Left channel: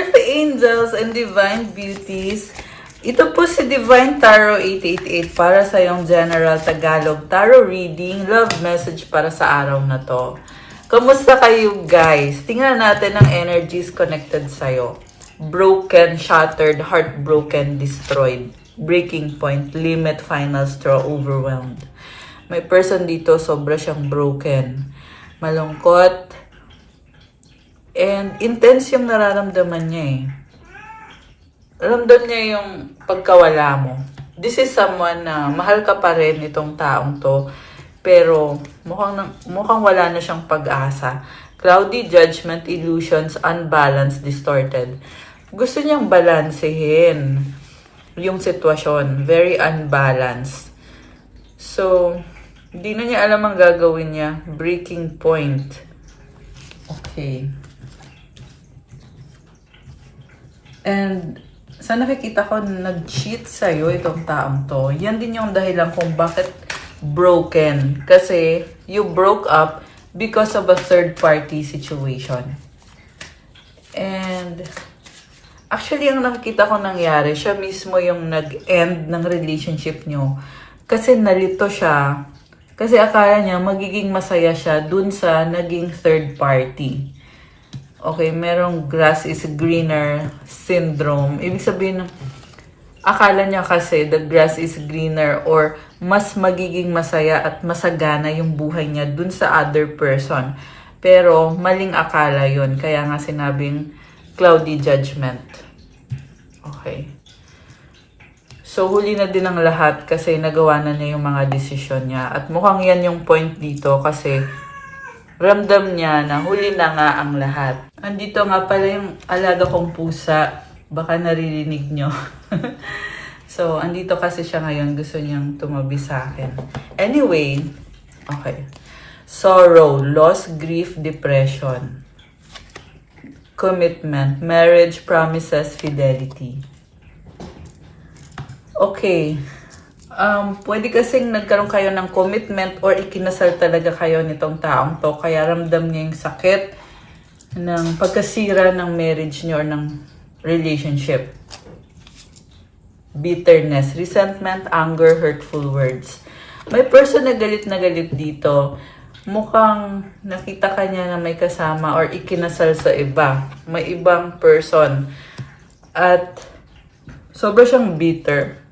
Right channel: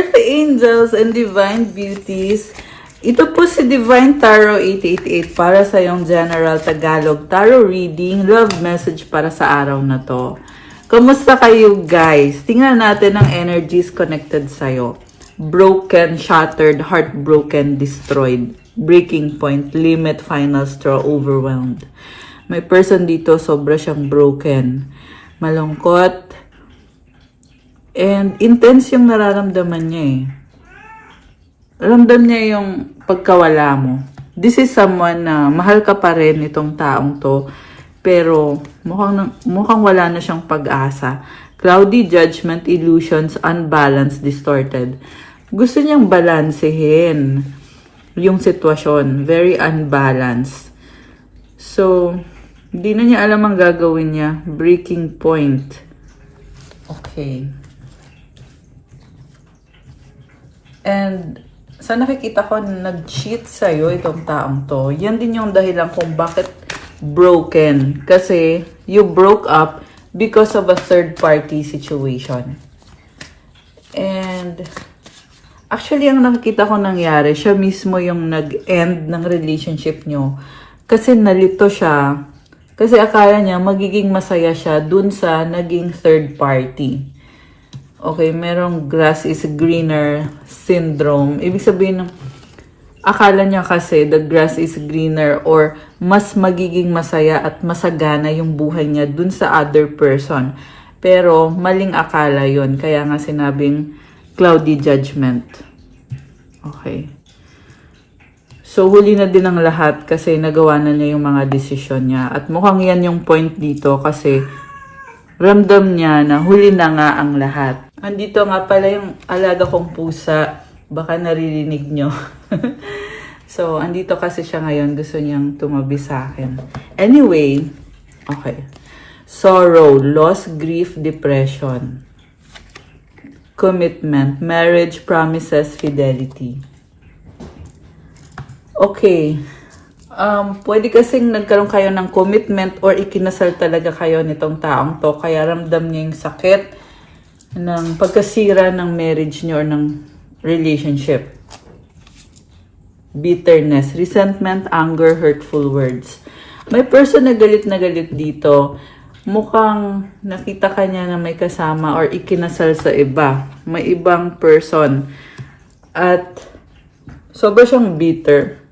Earth Angels and Divine Beauties. Ito po si Divine Tarot 888 para sa yung General Tagalog Tarot Reading. Love message para sa araw na to. Kamusta kayo guys? Tingnan natin ang energies connected sa'yo. Broken, shattered, heartbroken, destroyed. Breaking point, limit, final straw, overwhelmed. May person dito, sobra siyang broken. Malungkot. And intense yung nararamdaman niya eh. Ramdam niya yung pagkawala mo. This is someone na mahal ka pa rin itong taong to. Pero mukhang wala na siyang pag-asa. Cloudy judgment, illusions, unbalanced, distorted. Gusto niyang balansehin yung sitwasyon. Very unbalanced. So, hindi na niya alam ang gagawin niya. Breaking point. Okay. And sa nakikita ko, nag-cheat sa'yo itong taong to. Yan din yung dahilan kung bakit broken. Kasi you broke up because of a third-party situation. And actually, ang nakikita ko nangyari, siya mismo yung nag-end ng relationship nyo. Kasi nalito siya. Kasi akala niya magiging masaya siya dun sa naging third-party. Okay, merong grass is greener syndrome. Ibig sabihin, akala niya kasi the grass is greener or mas magiging masaya at masagana yung buhay niya dun sa other person. Pero maling akala yun. Kaya nga sinabing cloudy judgment. Okay. So, huli na din ang lahat kasi nagawa na niya yung mga desisyon niya. At mukhang yan yung point dito kasi ramdam niya na huli na nga ang lahat. Andito nga pala yung alaga kong pusa. Baka naririnig nyo. So, andito kasi siya ngayon. Gusto niyang tumabi sa akin. Anyway, okay. Sorrow, loss, grief, depression. Commitment, marriage, promises, fidelity. Okay. Pwede kasing nagkaroon kayo ng commitment or ikinasal talaga kayo nitong taong to. Kaya ramdam niya yung sakit ng pagkasira ng marriage niyo or ng relationship. Bitterness, resentment, anger, hurtful words. May person na galit dito. Mukhang nakita ka niya na may kasama or ikinasal sa iba. May ibang person. At sobra siyang bitter.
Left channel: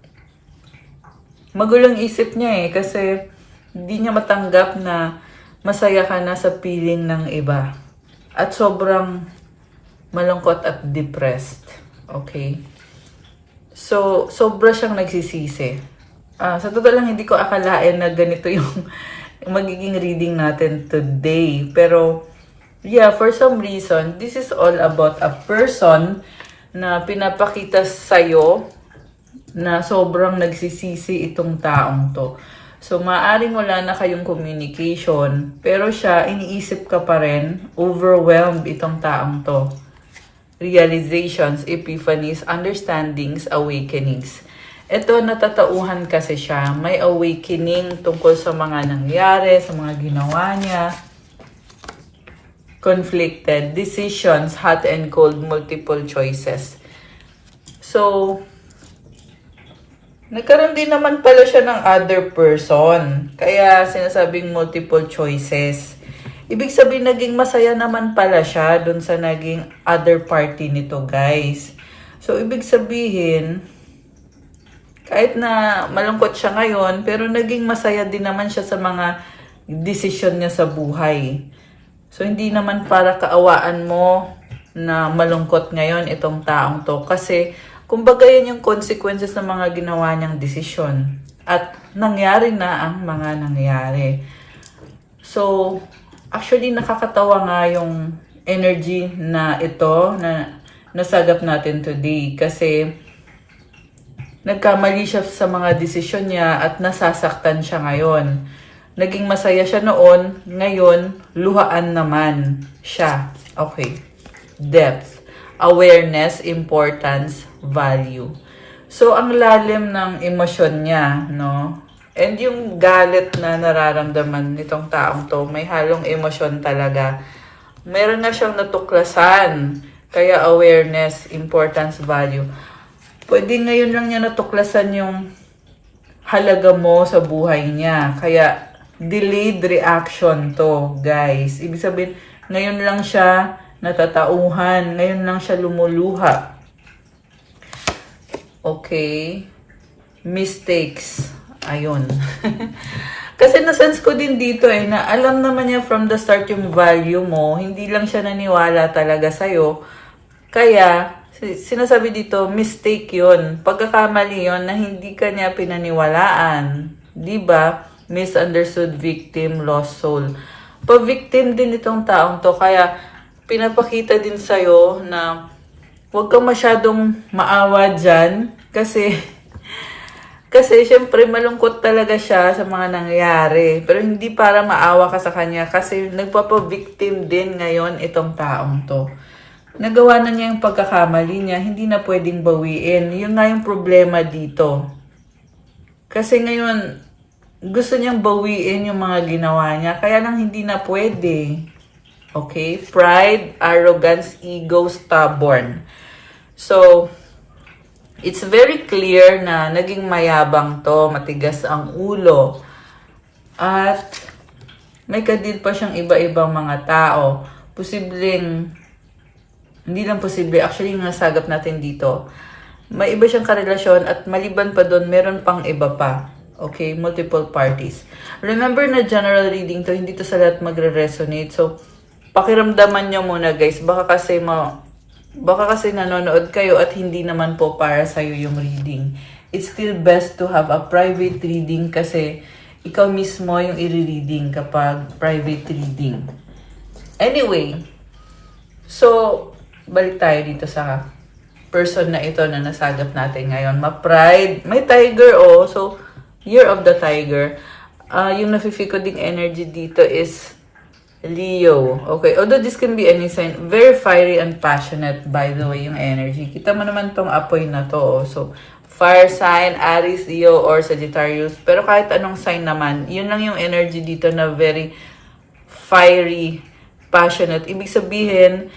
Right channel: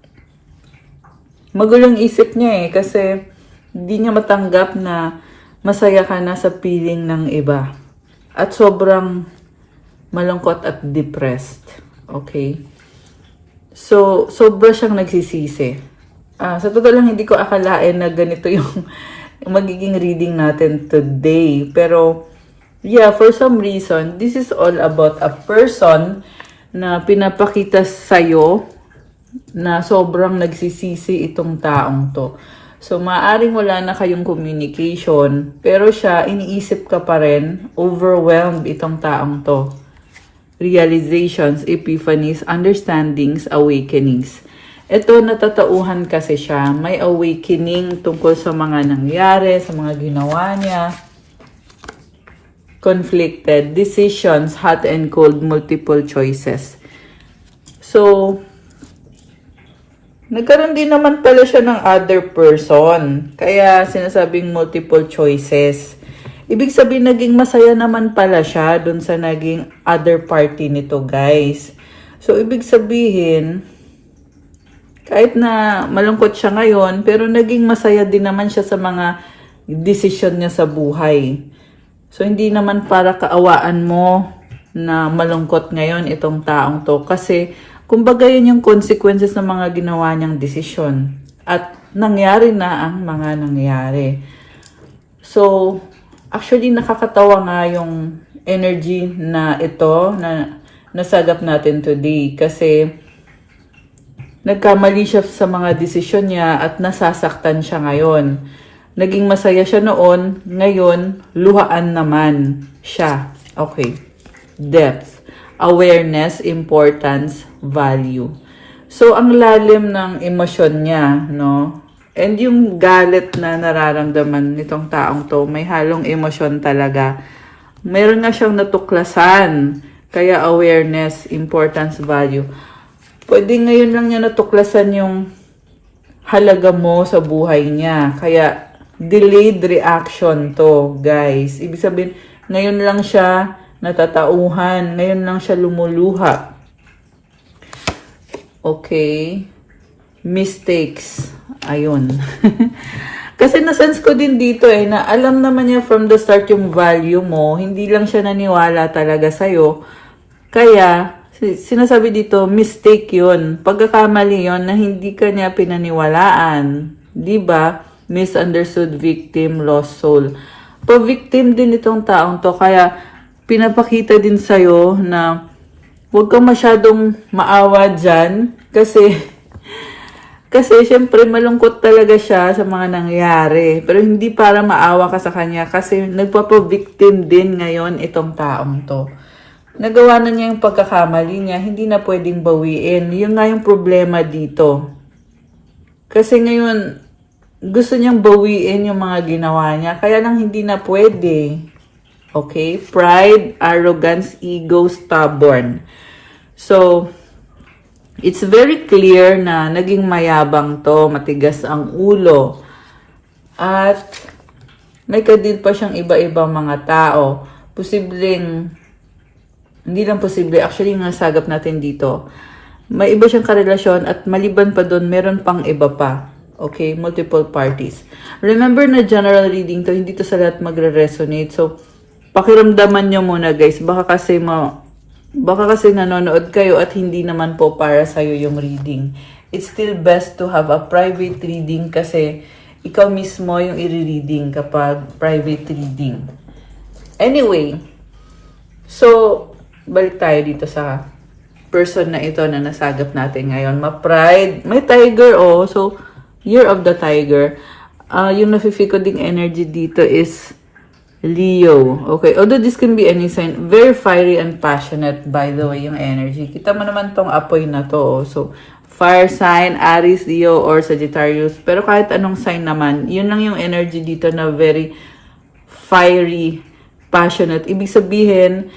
Magulong isip niya eh kasi hindi niya matanggap na masaya ka na sa piling ng iba. At sobrang malungkot at depressed. Okay? So, sobra siyang nagsisisi. Sa totoo lang, hindi ko akalain na ganito yung magiging reading natin today. Pero, yeah, for some reason, this is all about a person na pinapakita sa'yo na sobrang nagsisisi itong taong to. So, maaaring wala na kayong communication, pero siya, iniisip ka pa rin, overwhelmed itong taong to. Realizations, epiphanies, understandings, awakenings. Ito, natatauhan kasi siya. May awakening tungkol sa mga nangyari, sa mga ginawa niya. Conflicted, decisions, hot and cold, multiple choices. So, nagkaroon din naman pala siya ng other person. Kaya sinasabing multiple choices. Ibig sabihin, naging masaya naman pala siya dun sa naging other party nito, guys. So, ibig sabihin, kahit na malungkot siya ngayon, pero naging masaya din naman siya sa mga desisyon niya sa buhay. So, hindi naman para kaawaan mo na malungkot ngayon itong taong to. Kasi, kumbaga yun yung consequences ng mga ginawa niyang desisyon. At nangyari na ang mga nangyari. So, actually nakakatawa nga yung energy na ito na nasagap natin today. Kasi nagkamali siya sa mga desisyon niya at nasasaktan siya ngayon. Naging masaya siya noon, ngayon luhaan naman siya. Okay. Depth. Awareness, importance, value. So, ang lalim ng emosyon niya, no? And yung galit na nararamdaman nitong taong to, may halong emosyon talaga. Meron nga siyang natuklasan Kaya awareness, importance, value. Pwede ngayon lang niya natuklasan yung halaga mo sa buhay niya. Kaya delayed reaction to, guys. Ibig sabihin, ngayon lang siya natatauhan. Ngayon lang siya lumuluha. Okay. Mistakes. Ayun. Kasi nasense ko din dito na alam naman niya from the start yung value mo. Hindi lang siya naniwala talaga sa'yo. Kaya, sinasabi dito, mistake yun. Pagkakamali yun na hindi ka niya pinaniwalaan. Diba? Misunderstood victim, lost soul. Pa-victim din itong taong to. Kaya, pinapakita din sa'yo na huwag kang masyadong maawa dyan. Kasi syempre malungkot talaga siya sa mga nangyayari. Pero hindi para maawa ka sa kanya kasi nagpapa-victim din ngayon itong taong to. Nagawa na niya yung pagkakamali niya, hindi na pwedeng bawiin. Yun nga yung problema dito. Kasi ngayon, gusto niyang bawiin yung mga ginawa niya, kaya lang hindi na pwede. Okay? Pride, arrogance, ego, stubborn. So, it's very clear na naging mayabang to, matigas ang ulo. At may kadil pa siyang iba-ibang mga tao. Posibleng, hindi lang posible, actually yung nasagap natin dito, may iba siyang karelasyon at maliban pa doon, meron pang iba pa. Okay? Multiple parties. Remember na general reading to, hindi to sa lahat magre-resonate. So, pakiramdaman nyo muna guys, baka kasi nanonood kayo at hindi naman po para sa'yo yung reading. It's still best to have a private reading kasi ikaw mismo yung i-reading kapag private reading. Anyway, so, balik tayo dito sa person na ito na nasagap natin ngayon. Ma-pride. May tiger, oh. So, year of the tiger. Yung nafe-feel ko ding energy dito is Leo. Okay. Although this can be any sign. Very fiery and passionate, by the way, yung energy. Kita mo naman tong apoy na to, oh. So, fire sign, Aries, Leo, or Sagittarius. Pero kahit anong sign naman, yun lang yung energy dito na very fiery, passionate. Ibig sabihin,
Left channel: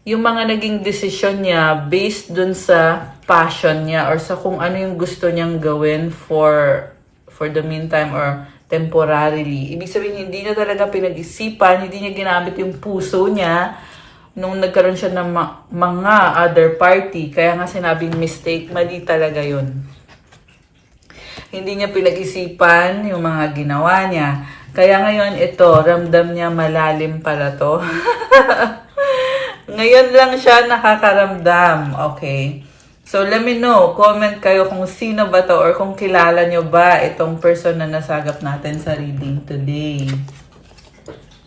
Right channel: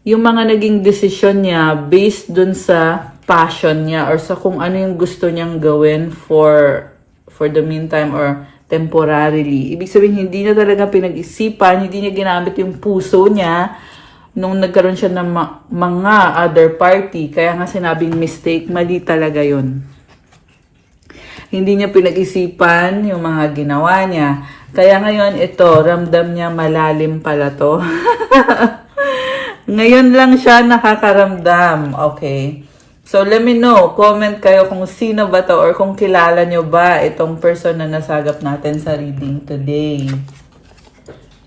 yung mga naging desisyon niya based dun sa passion niya or sa kung ano yung gusto niyang gawin for the meantime or temporarily. Ibig sabihin, hindi niya talaga pinag-isipan, hindi niya ginamit yung puso niya nung nagkaroon siya ng mga other party. Kaya nga sinabing mistake, mali talaga yun. Hindi niya pinag-isipan yung mga ginawa niya. Kaya ngayon ito, ramdam niya malalim pala to. Ngayon lang siya nakakaramdam. Okay. So, let me know. Comment kayo kung sino ba to or kung kilala nyo ba itong person na nasagap natin sa reading today.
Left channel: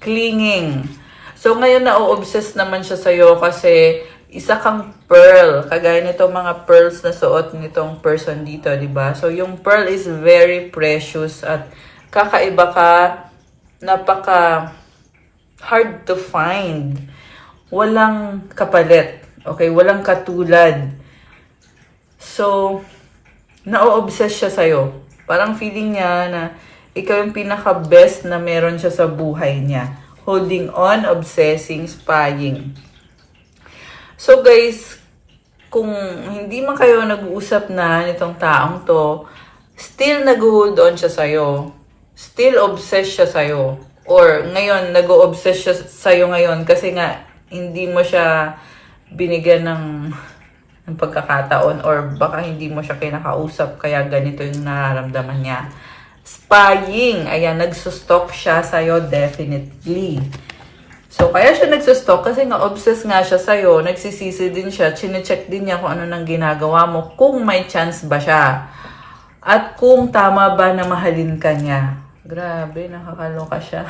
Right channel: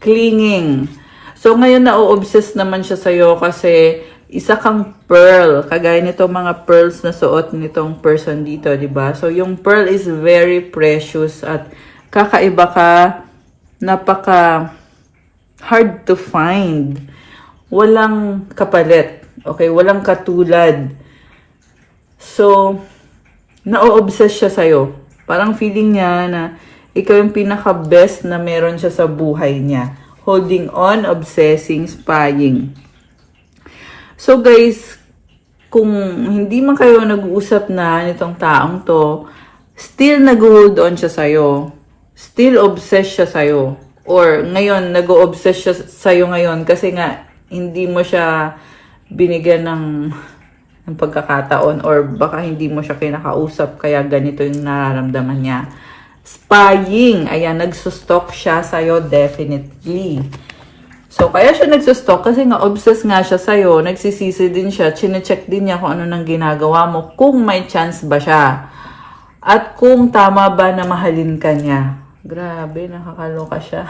Clinging. So, ngayon na-obsess naman siya sa'yo kasi isa kang pearl. Kagaya nito mga pearls na suot nitong person dito, di ba? So, yung pearl is very precious at kakaiba ka, napaka hard to find. Walang kapalit. Okay? Walang katulad. So, na-obsess siya sa'yo. Parang feeling niya na ikaw yung pinaka-best na meron siya sa buhay niya. Holding on, obsessing, spying. So guys, kung hindi man kayo nag-uusap na nitong taong to, still nag-hold on siya sa'yo. Still obsessed siya sa'yo. Or ngayon, nag-obsess siya sa'yo ngayon kasi nga, hindi mo siya binigyan ng pagkakataon or baka hindi mo siya kinakausap kaya ganito yung nararamdaman niya. Spying. Ayan, nagsustalk siya sa'yo definitely. So, kaya siya nagsustalk kasi nga obsessed nga siya sa'yo. Nagsisisi din siya. Chine-check din niya kung ano nang ginagawa mo. Kung may chance ba siya. At kung tama ba na mahalin ka niya. Grabe, nakakaloka siya.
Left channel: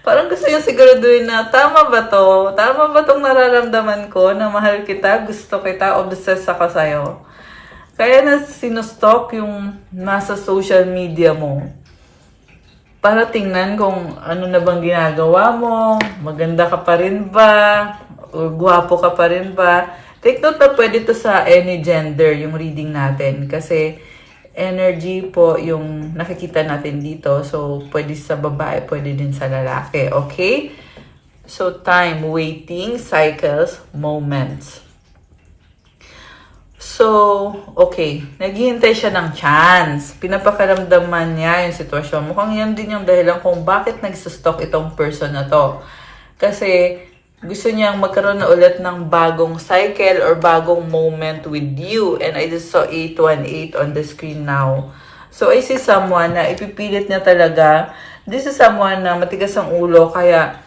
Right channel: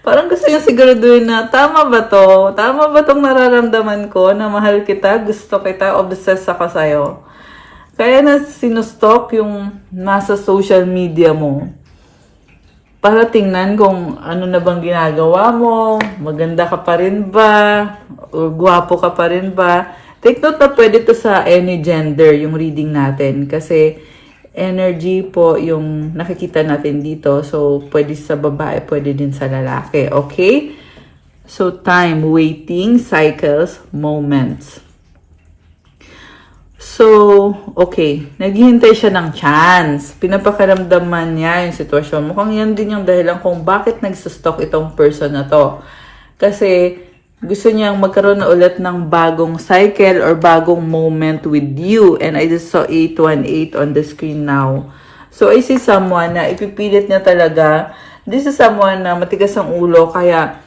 Parang gusto niya siguraduhin na, tama ba to? Tama ba tong nararamdaman ko na mahal kita, gusto kita, obsessed ako sa'yo? Kaya na sinustalk yung nasa social media mo. Para tingnan kung ano na bang ginagawa mo, maganda ka pa rin ba, o gwapo ka pa rin ba. Take note na pwede to sa any gender yung reading natin kasi energy po yung nakikita natin dito. So, pwede sa babae, pwede din sa lalaki. Okay? So, time, waiting, cycles, moments. So, okay. Naghihintay siya ng chance. Pinapakaramdaman niya yung sitwasyon. Mukhang yan din yung dahilan kung bakit nagsustalk itong person na to. Kasi, gusto niyang magkaroon na ulit ng bagong cycle or bagong moment with you. And I just saw 818 on the screen now. So, I see someone na ipipilit niya talaga. This is someone na matigas ang ulo, kaya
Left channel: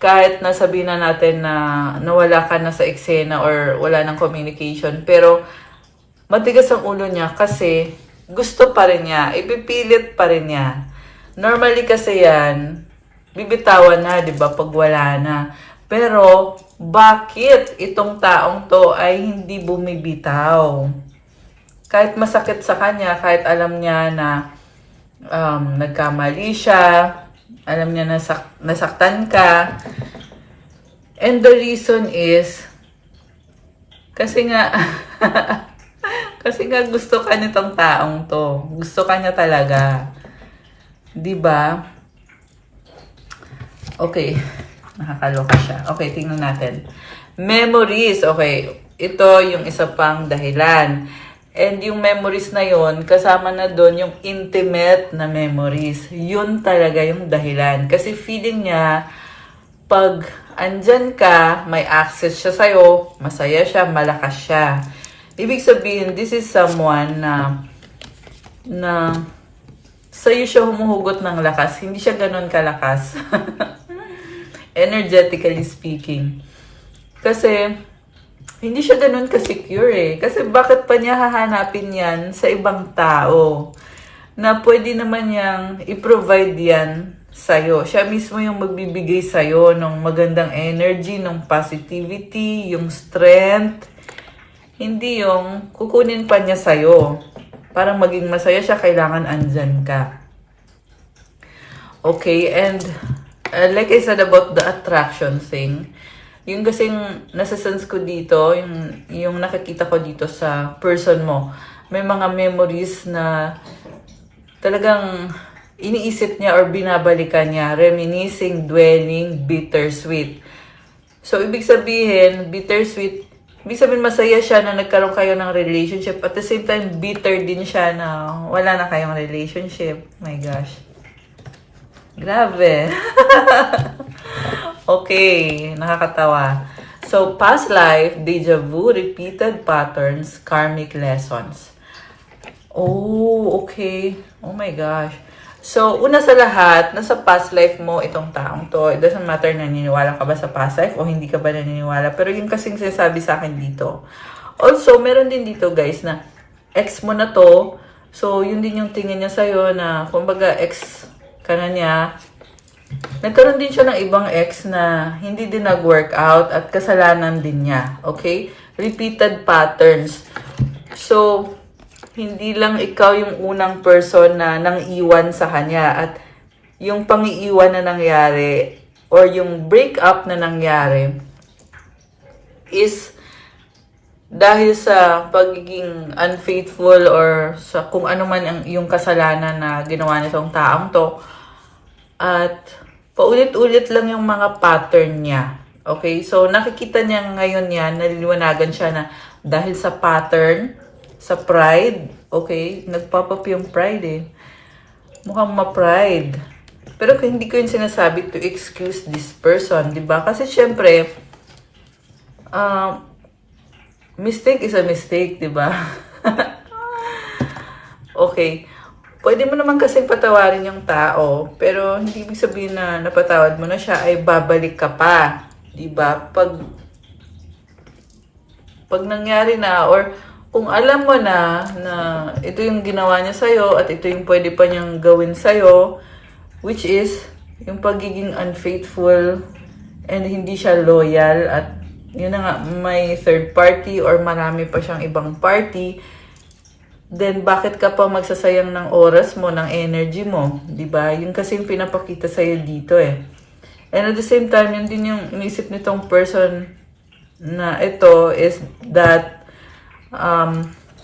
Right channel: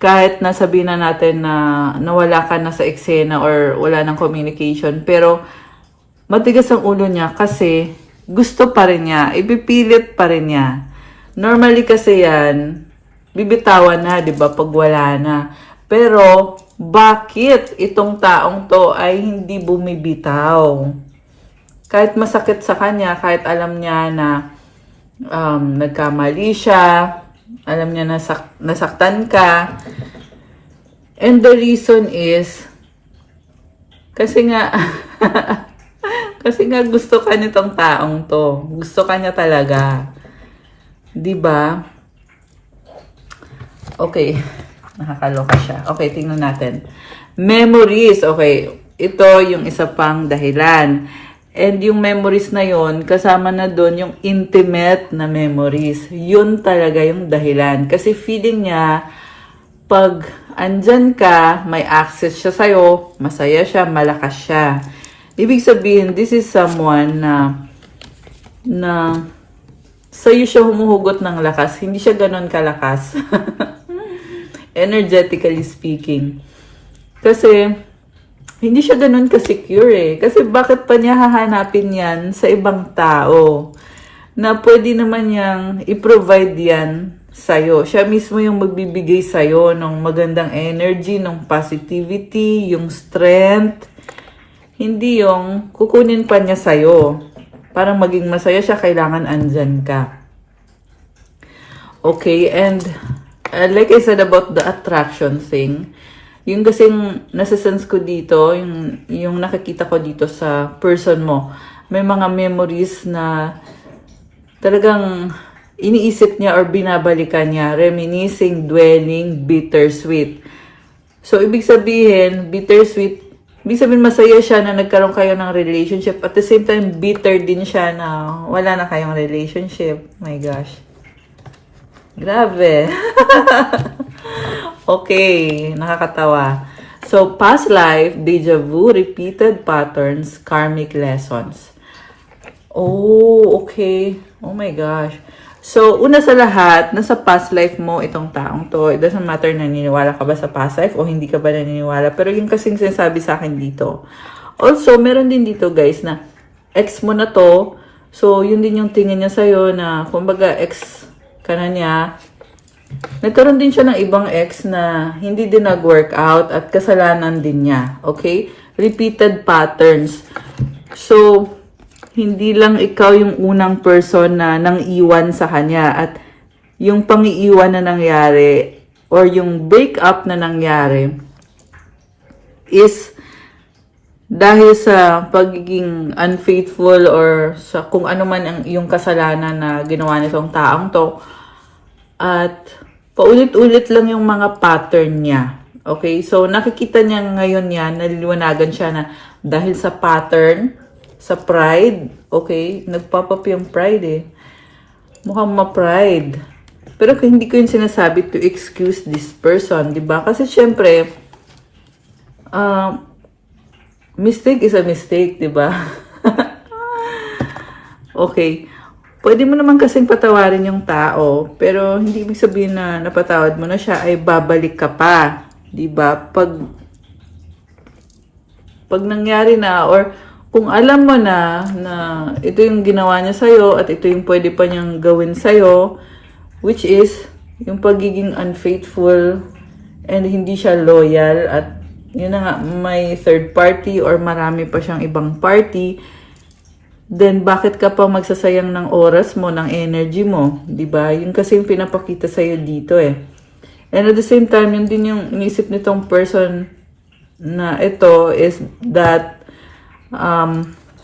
kahit nasabihin na natin na nawala ka na sa eksena or wala ng communication, pero matigas ang ulo niya kasi gusto pa rin niya, ipipilit pa rin niya. Normally kasi yan, bibitawan na, di ba, pag wala na. Pero, bakit itong taong to ay hindi bumibitaw? Kahit masakit sa kanya, kahit alam niya na nagkamali siya, alam niya nasaktan ka. And the reason is, kasi nga, kasi nga gusto ka niya tong taong to. Gusto ka niya talaga. Diba? Okay. Nakakaloka siya. Okay, tingnan natin. Memories. Okay. Ito yung isa pang dahilan. And yung memories na yon, kasama na doon yung intimate na memories. Yun talaga yung dahilan. Kasi feeling niya, pag andyan ka, may access siya sa'yo, masaya siya, malakas siya. Ibig sabihin, this is someone na sa'yo siya humuhugot ng lakas. Hindi siya ganun kalakas. Energetically speaking. Kasi, hindi siya ganun ka-secure eh. Kasi bakit pa niya hahanapin yan sa ibang tao? Na pwede naman niyang i-provide yan sa'yo. Siya mismo yung magbibigay sa'yo ng magandang energy, ng positivity, yung strength. Hindi yung kukunin pa niya sa'yo. Para maging masaya siya, kailangan andyan ka. Okay, and like I said about the attraction thing, yung kasing nasasense ko dito, yung nakikita ko dito sa person mo, may mga memories na talagang iniisip niya or binabalikan niya, reminiscing, dwelling, bittersweet. So, ibig sabihin, bittersweet, ibig sabihin masaya siya na nagkaroon kayo ng relationship. At the same time, bitter din siya na wala na kayong relationship. My gosh. Grabe. Okay, nakakatawa. So, past life, deja vu, repeated patterns, karmic lessons. Oh, okay. Oh my gosh. So, una sa lahat, nasa past life mo itong taong to. It doesn't matter na naniniwala ka ba sa past life o hindi ka ba naniniwala. Pero yung kasing sinasabi sa akin dito. Also, meron din dito guys na ex mo na to. So, yun din yung tingin niya sa'yo na, kumbaga, ex ka na niya. Nagkaroon din siya ng ibang ex na hindi din nag-work out at kasalanan din niya. Okay? Repeated patterns. So, hindi lang ikaw yung unang person na nang-iwan sa kanya at yung pang-iiwan na nangyari or yung breakup na nangyari is dahil sa pagiging unfaithful or sa kung ano man ang yung kasalanan na ginawa nitong taong to. At paulit-ulit lang yung mga pattern niya. Okay? So, nakikita niya ngayon yan, naliliwanagan siya na dahil sa pattern, sa pride, okay? Nagpapap yung pride eh. Mukhang ma-pride. Pero hindi ko yung sinasabi to excuse this person, di ba? Kasi syempre, mistake is a mistake, di ba? Okay. Pwede mo naman kasing patawarin yung tao, pero hindi ibig sabihin na napatawad mo na siya ay babalik ka pa. Diba? Pag nangyari na, or kung alam mo na ito yung ginawa niya sa'yo at ito yung pwede pa niyang gawin sa'yo, which is yung pagiging unfaithful and hindi siya loyal at yun na nga, may third party or marami pa siyang ibang party, then bakit ka pa magsasayang ng oras mo, ng energy mo? Diba? Yun kasi yung pinapakita sa'yo dito eh. And at the same time, yun din yung inisip nitong person na ito is that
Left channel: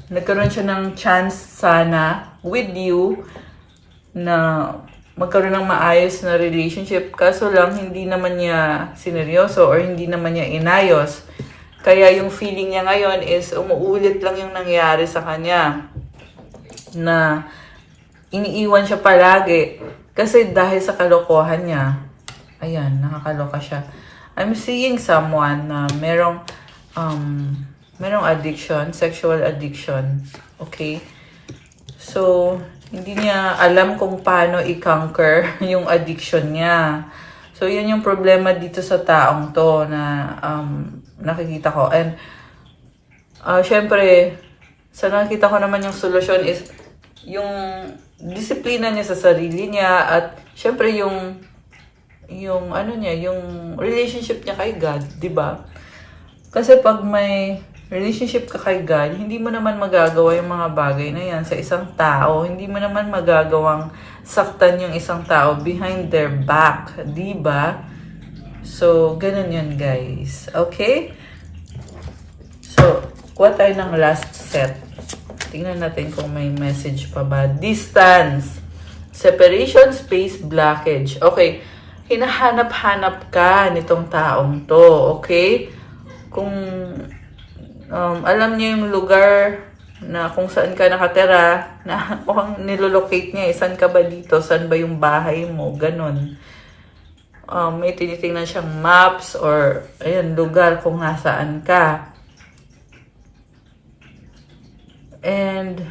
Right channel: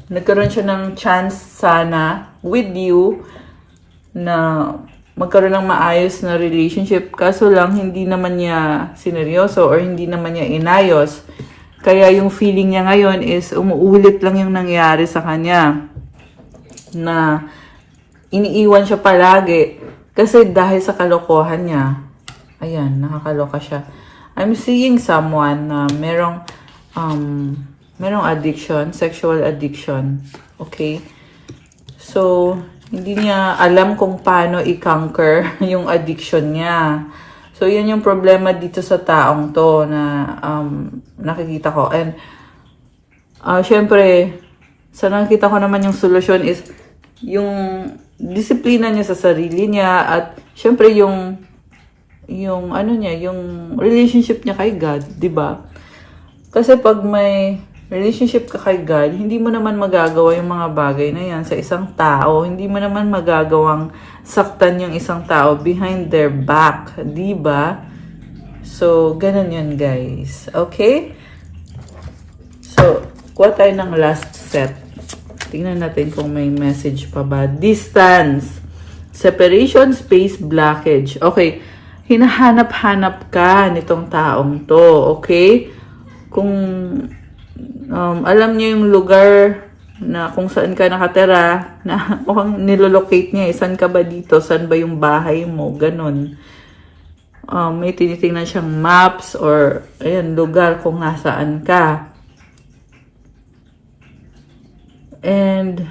nagkaroon siya ng chance sana with you na magkaroon ng maayos na relationship. Kaso lang, hindi naman niya sineryoso or hindi naman niya inayos. Kaya yung feeling niya ngayon is umuulit lang yung nangyayari sa kanya. Na iniiwan siya palagi. Kasi dahil sa kalokohan niya, ayan, nakakaloka siya. I'm seeing someone na merong addiction, sexual addiction. Okay? So, hindi niya alam kung paano i-conquer yung addiction niya. So, yun yung problema dito sa taong to na nakikita ko. And, syempre, sa nakikita ko naman yung solusyon is yung disiplina niya sa sarili niya at syempre yung relationship niya kay God, 'di ba? Kasi pag may relationship ka kay God, hindi mo naman magagawa yung mga bagay na yan sa isang tao. Hindi mo naman magagawang saktan yung isang tao behind their back, 'di ba? So, ganun yun, guys. Okay? So, kuha tayo ng last set. Tingnan natin kung may message pa ba. Distance. Separation, space, blockage. Okay. Hinahanap-hanap ka nitong taong to. Okay? Kung alam niya yung lugar na kung saan ka nakatira, na kung nilolocate niya, saan ka ba dito? Saan ba yung bahay mo? Ganon. May tinitingnan siyang maps or ayan, lugar kung nasaan ka. And,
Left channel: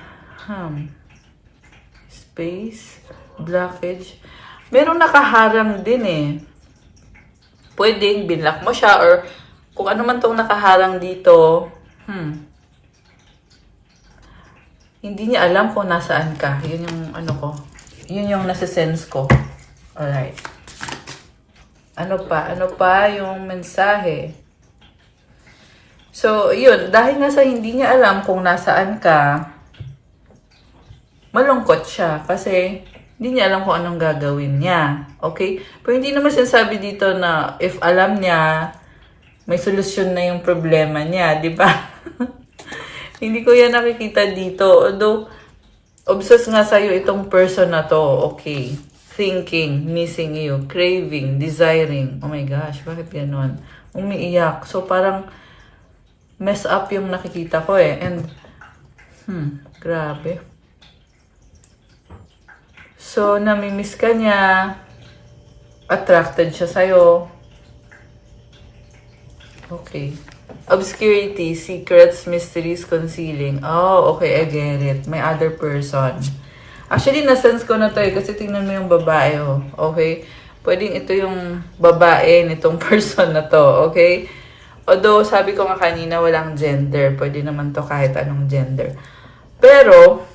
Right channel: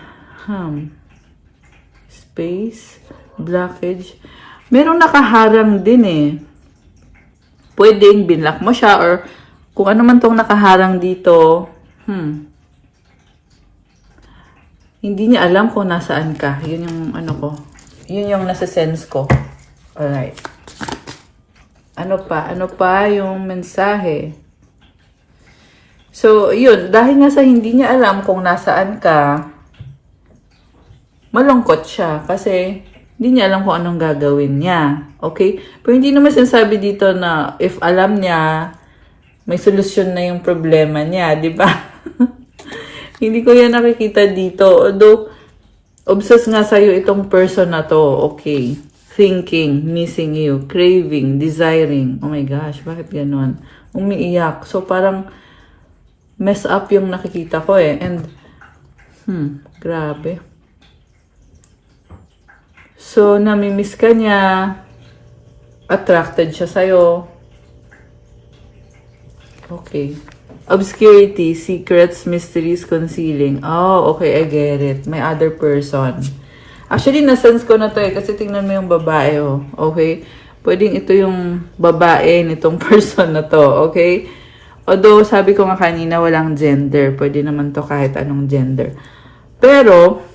space, blockage. Merong nakaharang din eh. Pwedeng binlock mo siya or kung ano man tong nakaharang dito, hindi niya alam kung nasaan ka. Yun yung ano ko. Yun yung nasa sense ko. Alright. Ano pa yung mensahe? So, yun. Dahil nga sa hindi niya alam kung nasaan ka, malungkot siya kasi hindi niya alam kung anong gagawin niya. Okay? Pero hindi naman sinasabi dito na if alam niya, may solusyon na yung problema niya. Di ba? Hindi ko yan nakikita dito. Although, obsessed nga sa'yo itong person na to. Okay. Thinking, missing you, craving, desiring. Oh my gosh, bakit ganun? Umiiyak. So, parang mess up yung nakikita ko eh. And, grabe. So, namimiss ka niya. Attracted siya sa'yo. Okay. Obscurity, secrets, mysteries, concealing. Oh, okay, I get it. May other person. Actually, nasense ko na to eh. Kasi tingnan mo yung babae, oh. Okay? Pwedeng ito yung babae nitong person na to. Okay? Although, sabi ko nga kanina, walang gender. Pwede naman to kahit anong gender. Pero,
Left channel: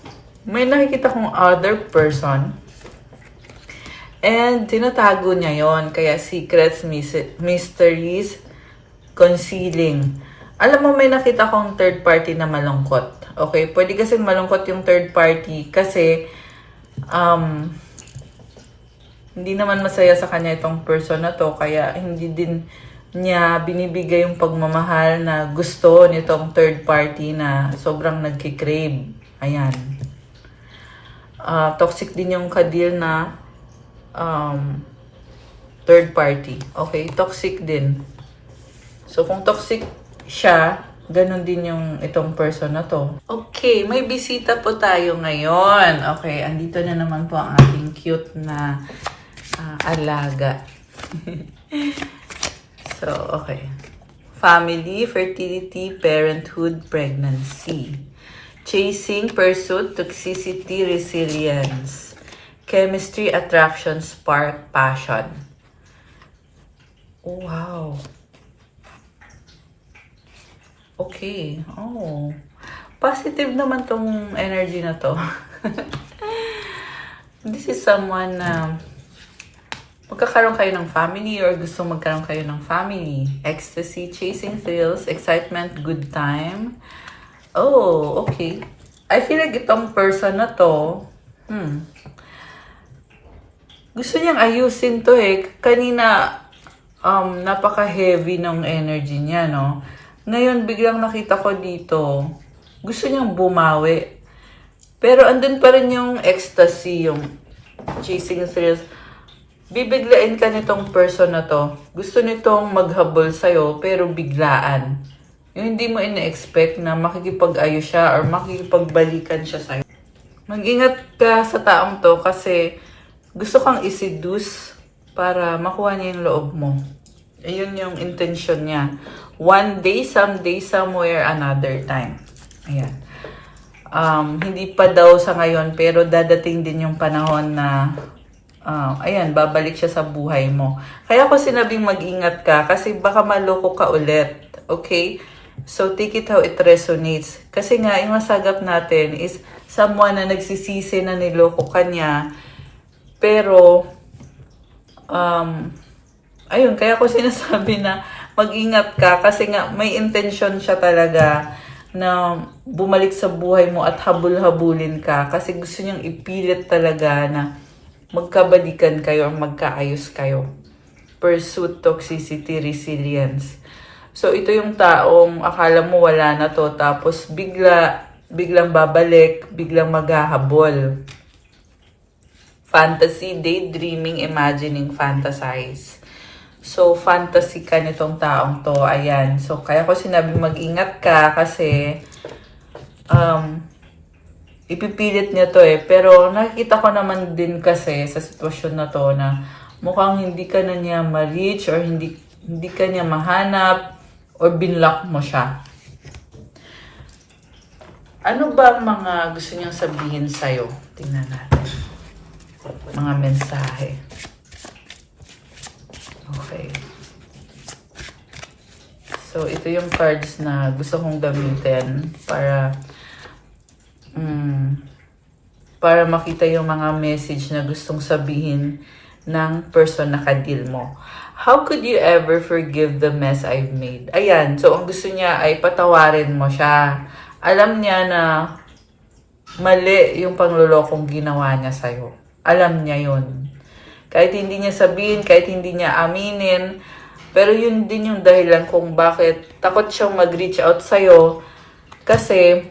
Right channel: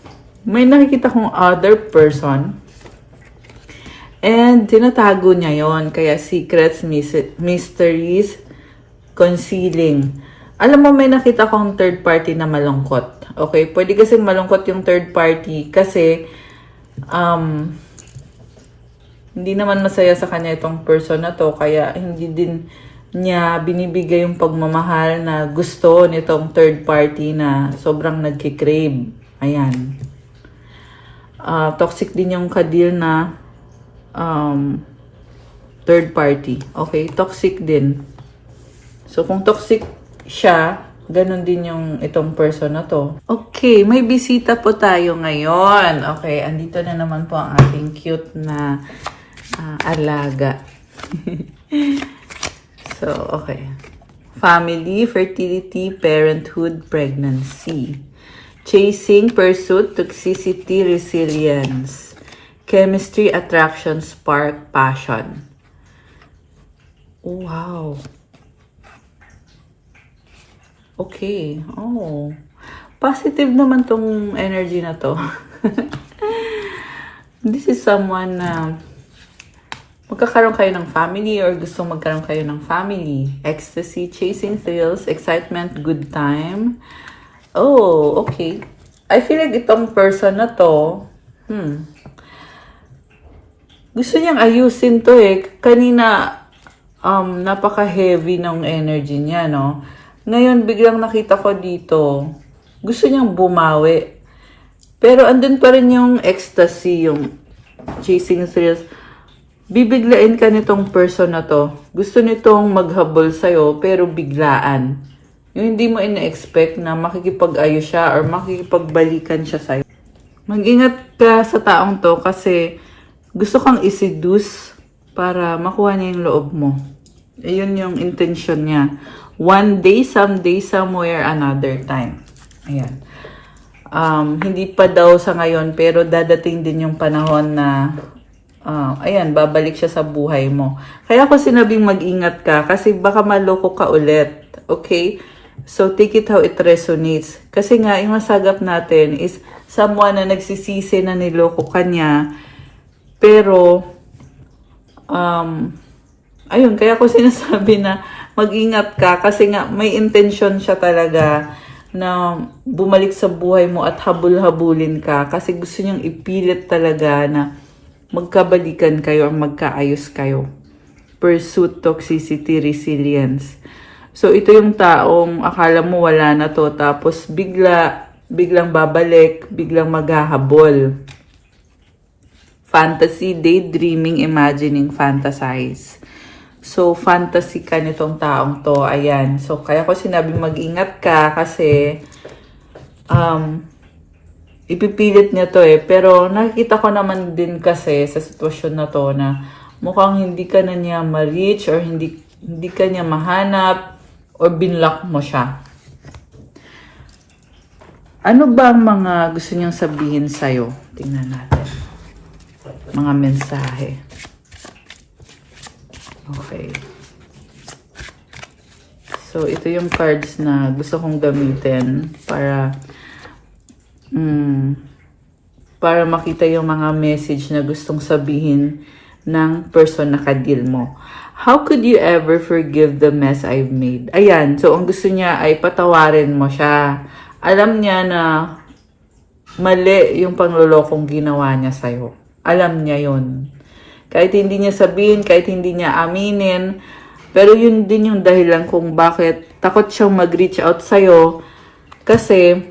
may nakikita kong other person. And, tinatago niya yon. Kaya, secrets, mysteries, concealing. Alam mo, may nakita kong third party na malungkot. Okay? Pwede kasi malungkot yung third party kasi, hindi naman masaya sa kanya itong person na to. Kaya, hindi din niya binibigay yung pagmamahal na gusto nitong third party na sobrang nagkikrave. Ayan. Toxic din yung kadil na third party. Okay? Toxic din. So, kung toxic siya, ganun din yung itong person na to. Okay, may bisita po tayo ngayon. Okay, andito na naman po ang ating cute na alaga. So, okay. Family, fertility, parenthood, pregnancy. Chasing, pursuit, toxicity, resilience. Chemistry, attraction, spark, passion. Wow. Okay. Oh. Positive naman tong energy na to. This is someone na magkakaroon kayo ng family or gusto magkaroon kayo ng family. Ecstasy, chasing thrills, excitement, good time. Oh, okay. I feel like itong person na to, gusto niyang ayusin to eh. Kanina, napaka-heavy ng energy niya, no? Ngayon, biglang nakita ko dito, gusto niyang bumawi. Pero andun pa rin yung ecstasy, yung chasing thrills. Bibiglain ka nitong person na to. Gusto nitong maghabol sa'yo, pero biglaan. Yung hindi mo ina-expect na makikipag-ayos siya or makikipagbalikan siya sa'yo. Mag-ingat ka sa taong to kasi gusto kang iseduce para makuha niya yung loob mo. Ayun yung intention niya. One day, someday, somewhere, another time. Ayan. Hindi pa daw sa ngayon, pero dadating din yung panahon na ayan, babalik siya sa buhay mo. Kaya ako sinabing mag-ingat ka kasi baka maloko ka ulit. Okay? So, take it how it resonates. Kasi nga, yung masagap natin is someone na nagsisisi na niloko ka niya. Pero, ayun, kaya ako sinasabi na mag-ingat ka kasi nga may intention siya talaga na bumalik sa buhay mo at habul-habulin ka kasi gusto niyang ipilit talaga na magkabalikan kayo or magkaayos kayo. Pursuit, toxicity, resilience. So, ito yung taong akala mo wala na to, tapos biglang babalik, biglang maghahabol. Fantasy, daydreaming, imagining, fantasize. So, fantasy ka nitong taong to. Ayan. So, kaya ko sinabi mag-ingat ka kasi ipipilit niya to Pero nakikita ko naman din kasi sa sitwasyon na to na mukhang hindi ka na niya ma-reach or hindi ka niya mahanap or binlock mo siya. Ano ba ang mga gusto niyang sabihin sa'yo? Tingnan natin. Mga mensahe. Okay. So, ito yung cards na gusto kong gamitin para makita yung mga message na gustong sabihin ng person na ka-deal mo. How could you ever forgive the mess I've made? Ayan, so ang gusto niya ay patawarin mo siya. Alam niya na mali yung panglolokong ginawa niya sa'yo. Alam niya yun. Kahit hindi niya sabihin, kahit hindi niya aminin, pero yun din yung dahilan kung bakit takot siyang mag-reach out sa'yo. Kasi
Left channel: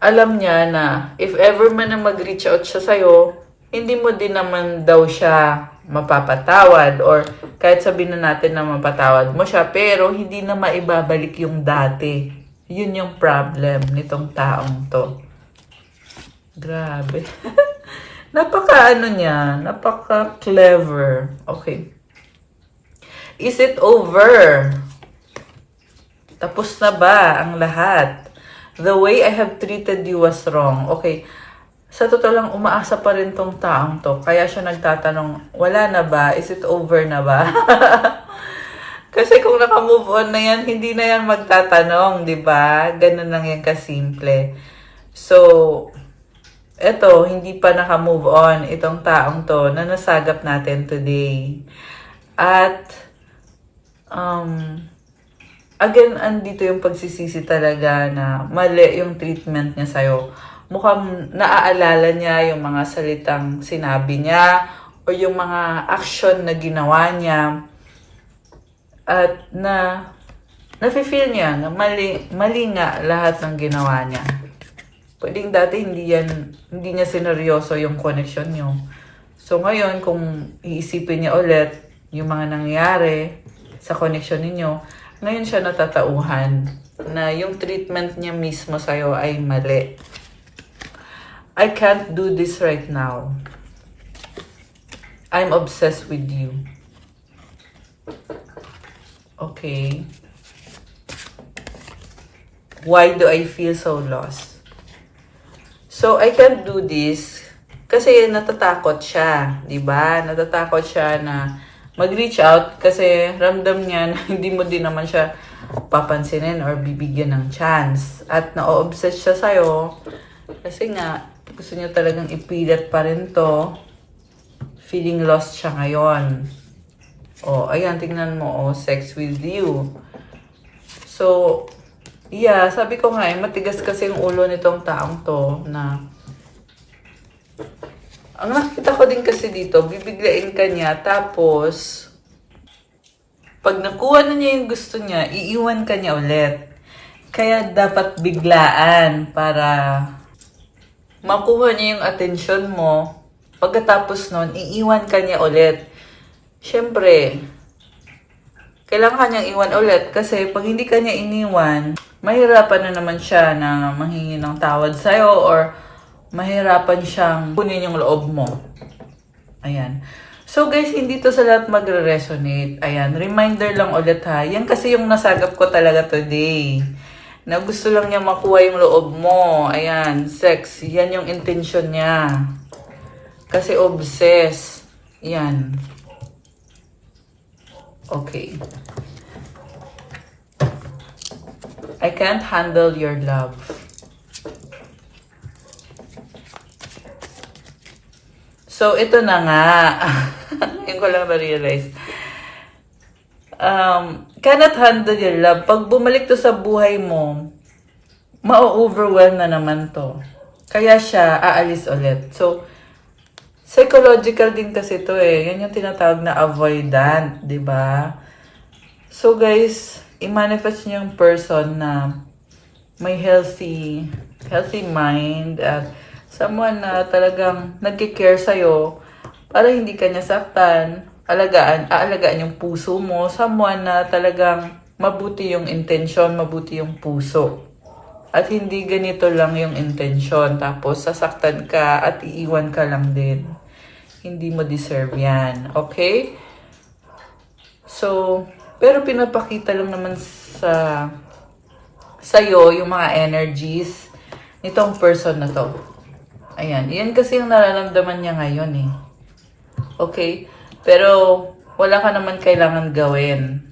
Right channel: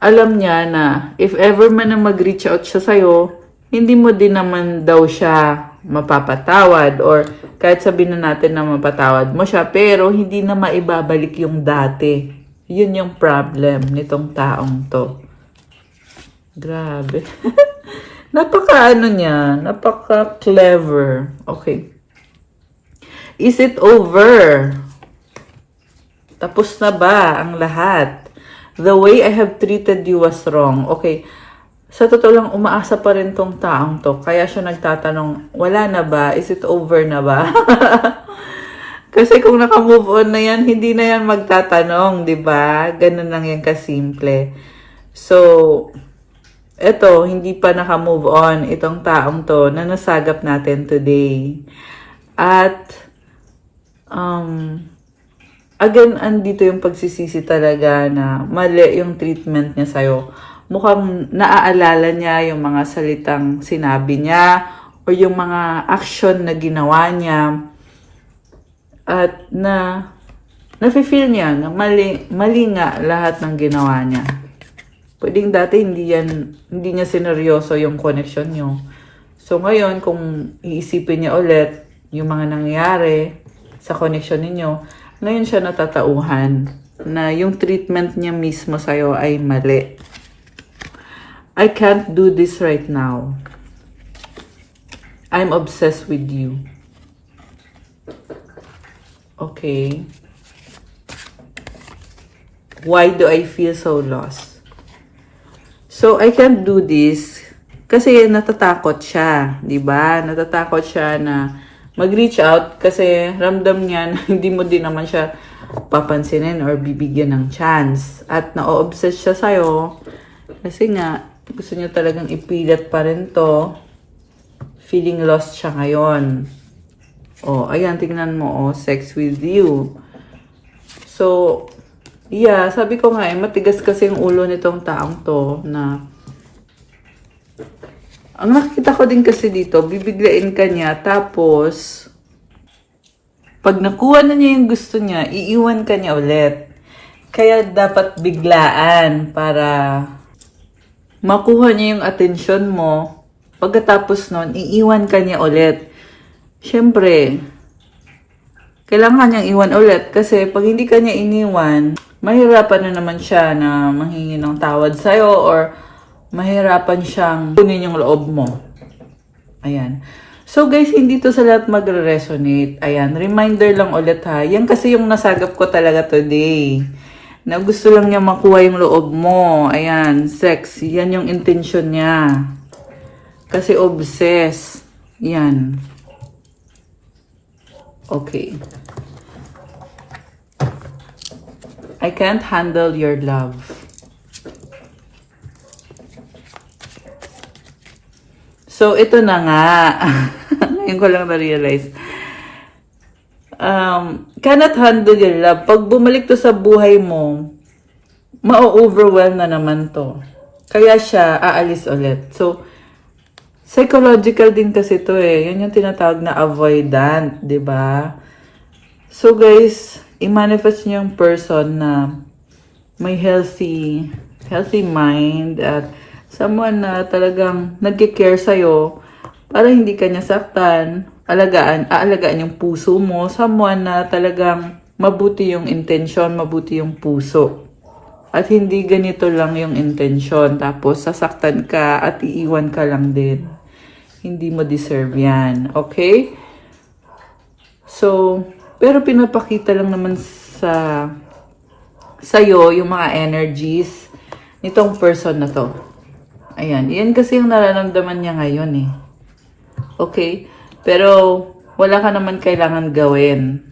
alam niya na if ever man na mag-reach out siya sa'yo, hindi mo din naman daw siya mapapatawad or kahit sabihin na natin na mapatawad mo siya, pero hindi na maibabalik yung dati. Yun yung problem nitong taong to. Grabe. Napaka-clever. Okay. Is it over? Tapos na ba ang lahat? The way I have treated you was wrong. Okay. Sa totoo lang, umaasa pa rin tong taong to. Kaya siya nagtatanong, wala na ba? Is it over na ba? Kasi kung naka-move on na yan, hindi na yan magtatanong, di ba? Ganun lang yan kasimple. So, eto, hindi pa naka-move on itong taong to na nasagap natin today. At, again, andito yung pagsisisi talaga na mali yung treatment niya sa'yo. Mukhang naaalala niya yung mga salitang sinabi niya o yung mga action na ginawa niya at nafe-feel niya na mali nga lahat ng ginawa niya. Pwedeng dati hindi niya sineryoso yung connection niyo. So ngayon, kung iisipin niya ulit yung mga nangyari sa connection ninyo, ngayon siya natatauhan na yung treatment niya mismo sa'yo ay mali. I can't do this right now. I'm obsessed with you. Okay. Why do I feel so lost? So, I can't do this kasi natatakot siya, di ba? Natatakot siya na mag-reach out kasi ramdam niya na hindi mo din naman siya papansinin or bibigyan ng chance. At na-obsess siya sa'yo kasi nga, gusto niya talagang ipilit pa rin to. Feeling lost siya ngayon. Oh, ayan, tingnan mo, sex with you. So, yeah, sabi ko nga, matigas kasi yung ulo nitong taong to na ang nakita ko din kasi dito, bibiglain ka niya, tapos pag nakuha na niya yung gusto niya, iiwan ka niya ulit. Kaya dapat biglaan para makuha niya yung atensyon mo Pagkatapos nun, iiwan ka niya ulit. Siyempre, kailangan niyang iwan ulit kasi pag hindi ka niya iniwan, mahirapan na naman siya na manghingi ng tawad sa'yo or mahirapan siyang kunin yung loob mo. Ayan. So guys, hindi to sa lahat magre-resonate. Ayan, reminder lang ulit ha. Yan kasi yung nasagap ko talaga today. Na gusto lang niya makuha yung loob mo. Ayan, sex. Yan yung intention niya. Kasi obsessed. Yan. Okay. I can't handle your love. So, ito na nga. Ngayon ko lang na-realize. Cannot handle your love. Pag bumalik to sa buhay mo, ma-overwhelm na naman to. Kaya siya aalis ulit. So, psychological din kasi to eh. Yan yung tinatawag na avoidant, di ba? So guys, i-manifest niyo yung person na may healthy mind at someone na talagang nagki-care sa'yo para hindi ka niya saktan, aalagaan yung puso mo, someone na talagang mabuti yung intention, mabuti yung puso. At hindi ganito lang yung intention, tapos sasaktan ka at iiwan ka lang din. Hindi mo deserve yan. Okay? So, pero pinapakita lang naman sa'yo yung mga energies nitong person na to. Ayan. Yan kasi yung nararamdaman niya ngayon eh. Okay? Pero, wala ka naman kailangan gawin.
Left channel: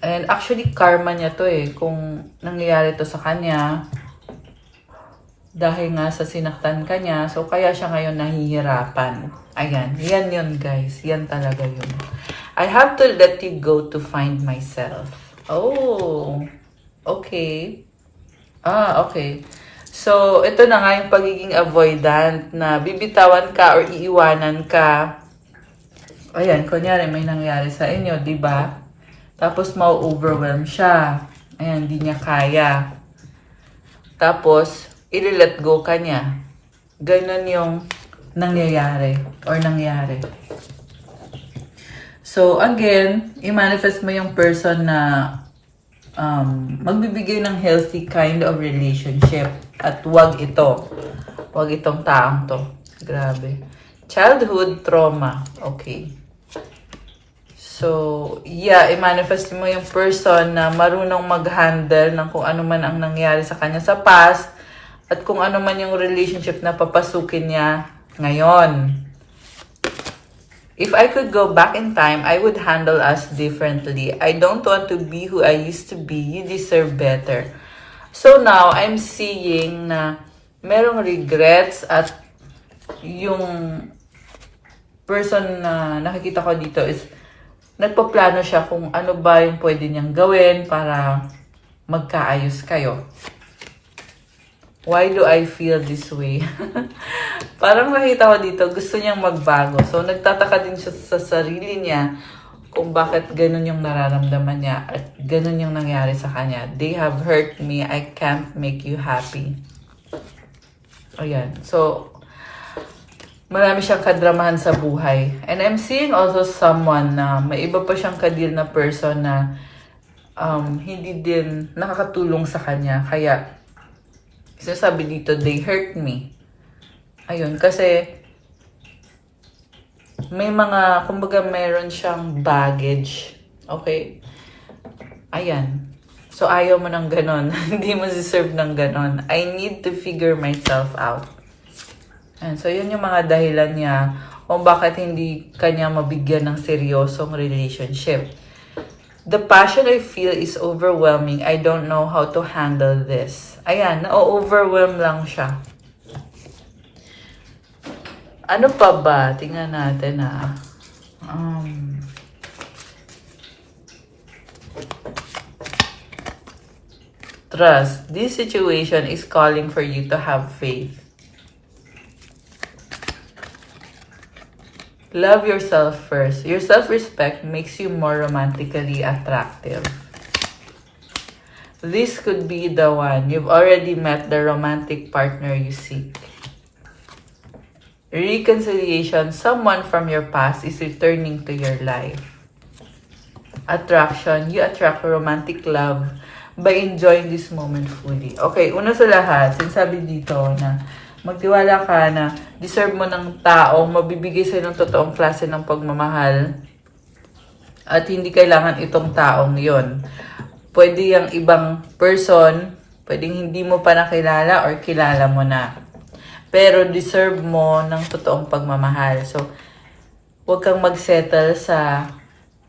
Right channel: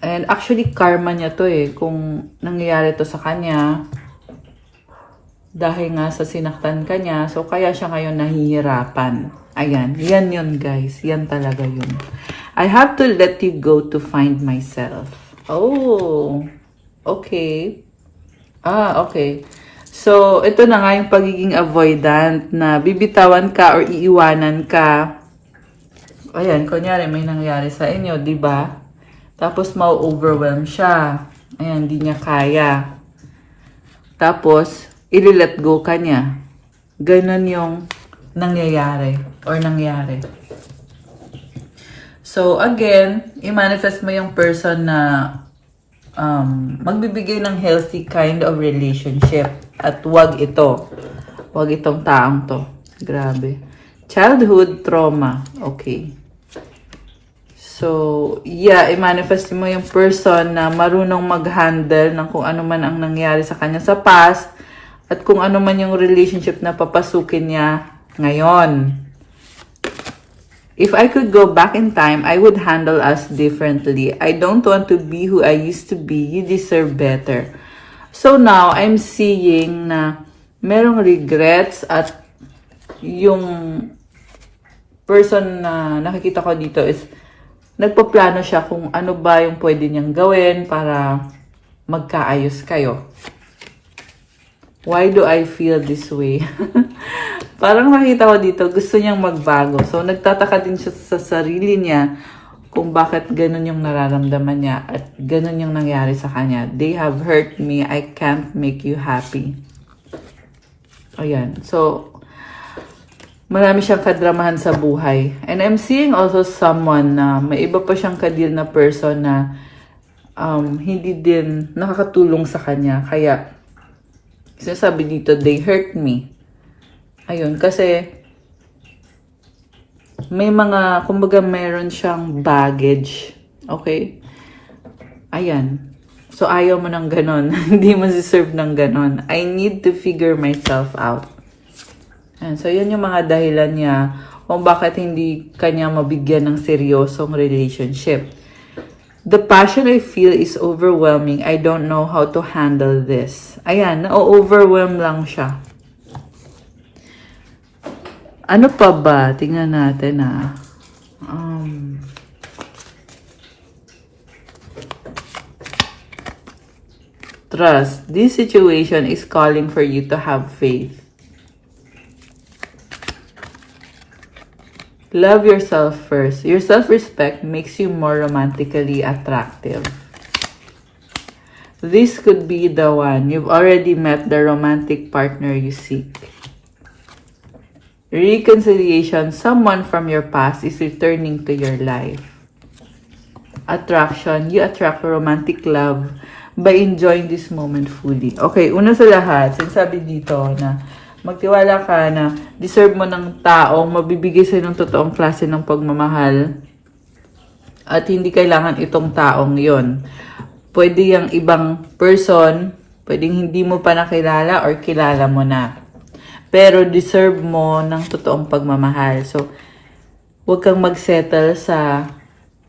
And actually, karma niya to eh. Kung nangyayari to sa kanya, dahil nga sa sinaktan ka niya, so kaya siya ngayon nahihirapan. Ayan, yan yun guys. Yan talaga yun. I have to let you go to find myself. Oh, okay. Okay. So, ito na nga yung pagiging avoidant na bibitawan ka or iiwanan ka. Ayan, kunyari may nangyari sa inyo, di ba? Tapos, ma-overwhelm siya. Ayan, di niya kaya. Tapos, i-let go ka niya. Ganun yung nangyayari or nangyari. So, again, i-manifest mo yung person na magbibigay ng healthy kind of relationship. At wag ito. Wag itong taang to. Grabe. Childhood trauma. Okay. So, yeah, i-manifest mo yung person na marunong mag-handle ng kung ano man ang nangyari sa kanya sa past at kung ano man yung relationship na papasukin niya ngayon. If I could go back in time, I would handle us differently. I don't want to be who I used to be. You deserve better. So now, I'm seeing na merong regrets at yung person na nakikita ko dito is nagpaplano siya kung ano ba yung pwede niyang gawin para magkaayos kayo. Why do I feel this way? Parang makita ko dito, gusto niyang magbago. So, nagtataka din siya sa sarili niya kung bakit ganun yung nararamdaman niya at ganun yung nangyari sa kanya. They have hurt me. I can't make you happy. Ayan. So, marami siyang kadramahan sa buhay. And I'm seeing also someone na may iba pa siyang kadeal na person na hindi din nakakatulong sa kanya. Kaya, sinasabi dito, they hurt me. Ayun, kasi may mga, kumbaga mayroon siyang baggage. Okay? Ayan. So, ayaw mo ng ganun. Hindi mo deserve ng ganun. I need to figure myself out. Ayan. So, yun yung mga dahilan niya kung bakit hindi kanya mabigyan ng seryosong relationship. The passion I feel is overwhelming. I don't know how to handle this. Ayan, na-overwhelm lang siya. Ano pa ba? Tingnan natin Trust. This situation is calling for you to have faith. Love yourself first. Your self-respect makes you more romantically attractive. This could be the one. You've already met the romantic partner you seek. reconciliation, someone from your past is returning to your life. Attraction, you attract romantic love by enjoying this moment fully. Okay, una sa lahat, sinasabi dito na magtiwala ka na deserve mo ng taong mabibigay sa'yo ng totoong klase ng pagmamahal at hindi kailangan itong taong yon. Pwede yung ibang person, pwedeng hindi mo pa nakilala or kilala mo na. Pero deserve mo ng totoong pagmamahal. So, huwag kang magsettle sa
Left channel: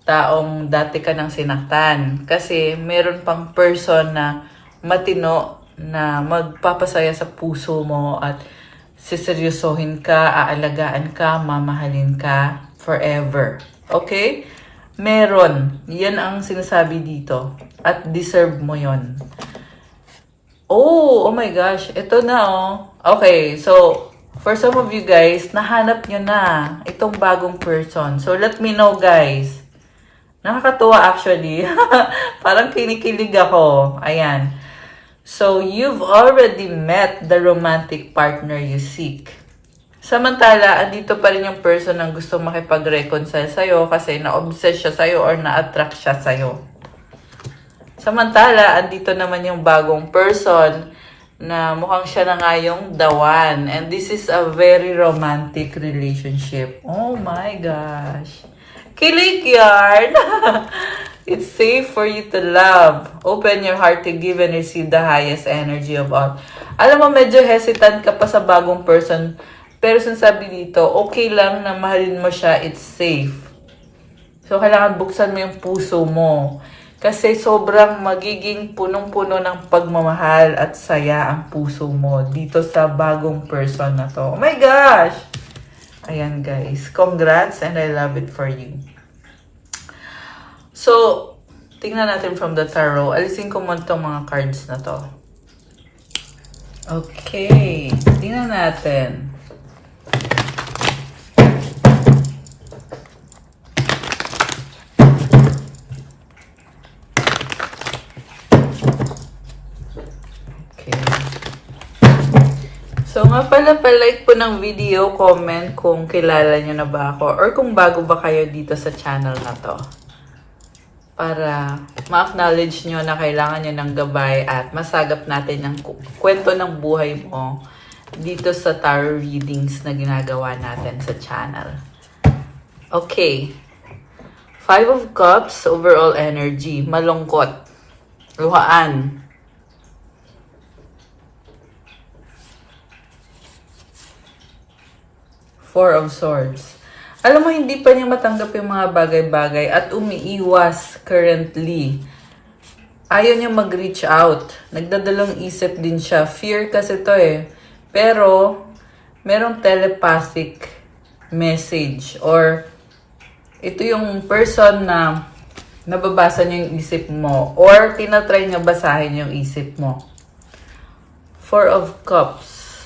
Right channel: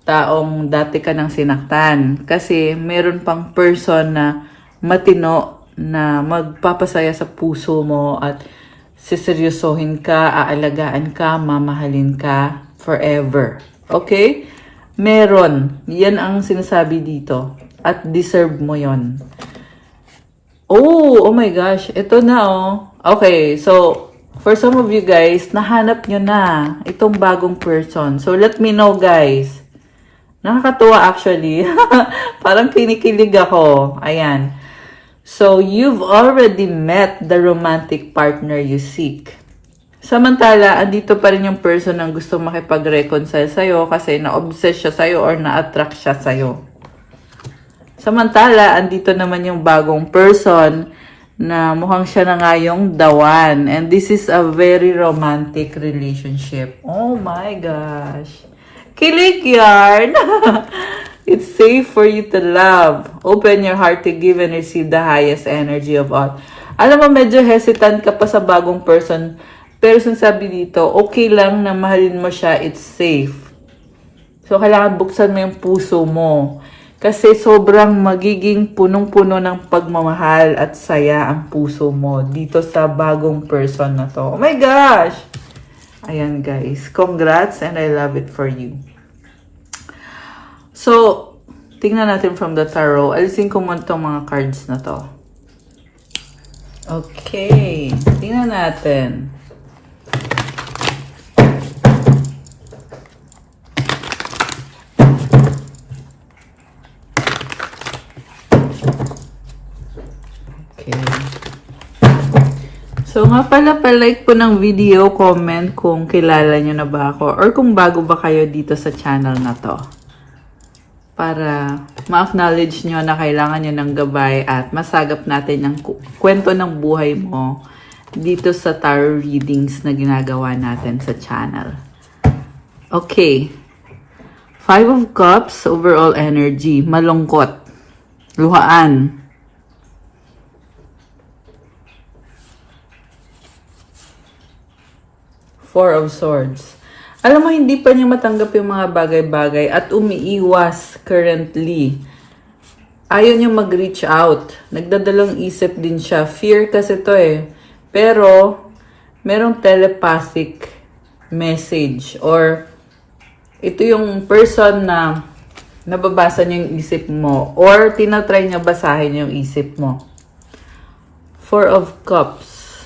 taong dati ka nang sinaktan. Kasi meron pang person na matino na magpapasaya sa puso mo at siseryosohin ka, aalagaan ka, mamahalin ka forever. Okay? Meron. Yan ang sinasabi dito. At deserve mo yon. Oh my gosh. Ito na Okay, so for some of you guys, nahanap nyo na itong bagong person. So let me know guys. Nakakatuwa actually. Parang kinikilig ako. Ayan. So, you've already met the romantic partner you seek. Samantala, andito pa rin yung person ang gusto makipag-reconcile sa'yo kasi na-obsess siya sa'yo or na-attract siya sa'yo. Samantala, andito naman yung bagong person na mukhang siya na nga yung the one. And this is a very romantic relationship. Oh my gosh. Kilig yarn! It's safe for you to love. Open your heart to give and receive the highest energy of all. Alam mo, medyo hesitant ka pa sa bagong person. Pero sinasabi dito, okay lang na mahalin mo siya, it's safe. So, kailangan buksan mo yung puso mo. Kasi sobrang magiging punong-puno ng pagmamahal at saya ang puso mo dito sa bagong person na to. Oh my gosh! Ayan guys, congrats and I love it for you. So, tingnan natin from the tarot. Alisin ko muna itong mga cards na to. Okay, tingnan natin. So, nga pala, palike po ng video, comment kung kilala nyo na ba ako or kung bago ba kayo dito sa channel na to. Para ma-acknowledge nyo na kailangan nyo ng gabay at masagap natin ang kwento ng buhay mo dito sa tarot readings na ginagawa natin sa channel. Okay. 5 of Cups, overall energy, malungkot, luhaan. 4 of Swords. Alam mo, hindi pa niya matanggap yung mga bagay-bagay at umiiwas currently. Ayaw niya mag-reach out. Nagdadalong isip din siya. Fear kasi to Pero, merong telepathic message or ito yung person na nababasa niya yung isip mo or tinatry niya basahin yung isip mo. 4 of Cups.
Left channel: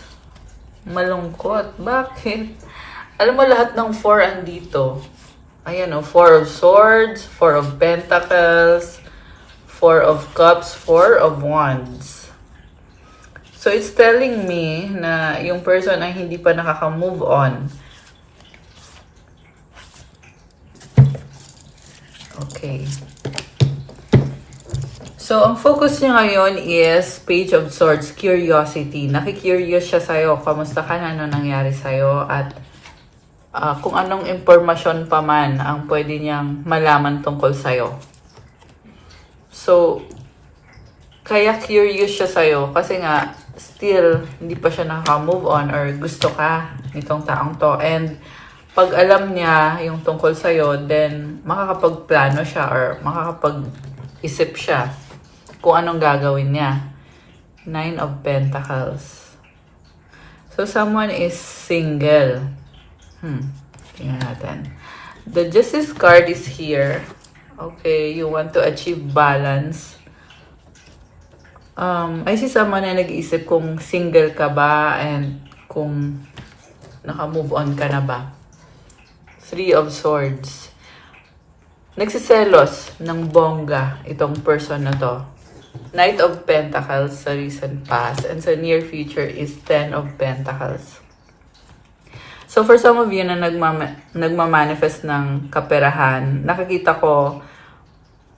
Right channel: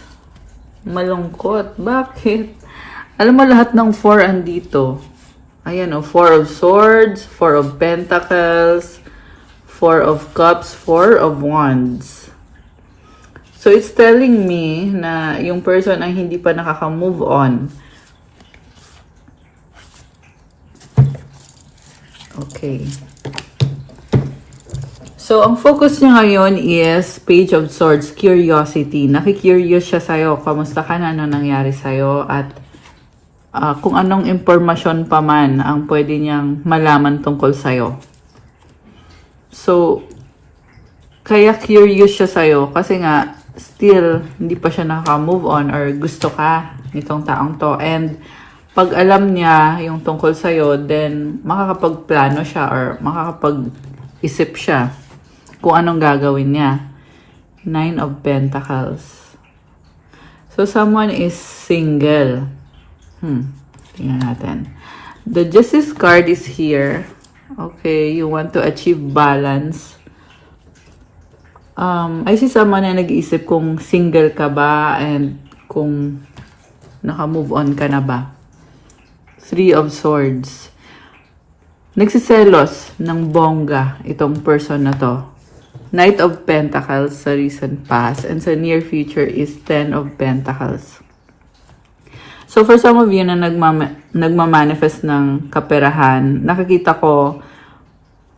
Malungkot. Bakit? Alam mo, lahat ng 4 andito. Ayan 4 of Swords, 4 of Pentacles, 4 of Cups, 4 of Wands. So, it's telling me na yung person ay hindi pa nakaka-move on. Okay. So, ang focus niya ngayon is Page of Swords, curiosity. Nakikurious siya sa'yo. Kamusta ka na? Ano nangyari sa'yo? At kung anong impormasyon pa man ang pwede niyang malaman tungkol sa'yo. So, kaya curious siya sa'yo kasi nga, still, hindi pa siya naka-move on or gusto ka nitong taong to. And, pag alam niya yung tungkol sa'yo, then makakapagplano siya or makakapag-isip siya kung anong gagawin niya. 9 of Pentacles. So, someone is single. Tingnan natin. The Justice card is here. Okay, you want to achieve balance. I see someone na nag-iisip kung single ka ba and kung naka-move on ka na ba. 3 of Swords. Nagsiselos ng bongga itong person na to. Knight of Pentacles sa recent past and sa near future is 10 of Pentacles. So, for some of you na nagmamanifest ng kaperahan, nakikita ko,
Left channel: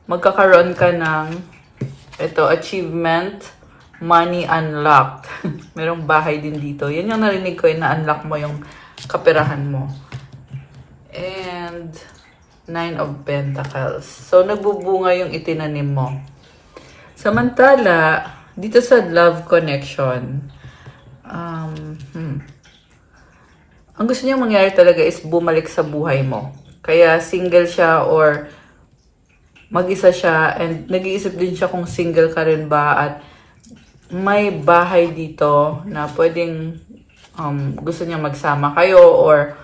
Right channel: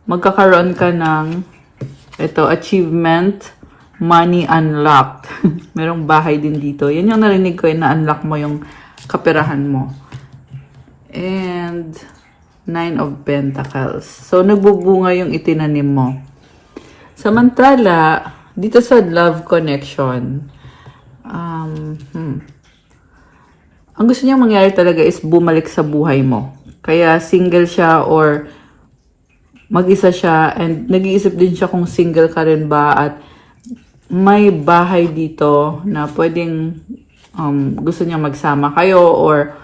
magkakaroon ka ng achievement, money unlocked. Merong bahay din dito. Yan yung narinig ko, na-unlock mo yung kaperahan mo. And 9 of Pentacles. So, nagbubunga yung itinanim mo. Samantala, dito sa love connection, ang gusto niyang mangyari talaga is bumalik sa buhay mo. Kaya single siya or mag-isa siya, and nag-iisip din siya kung single ka rin ba, at may bahay dito na pwedeng gusto niya magsama kayo or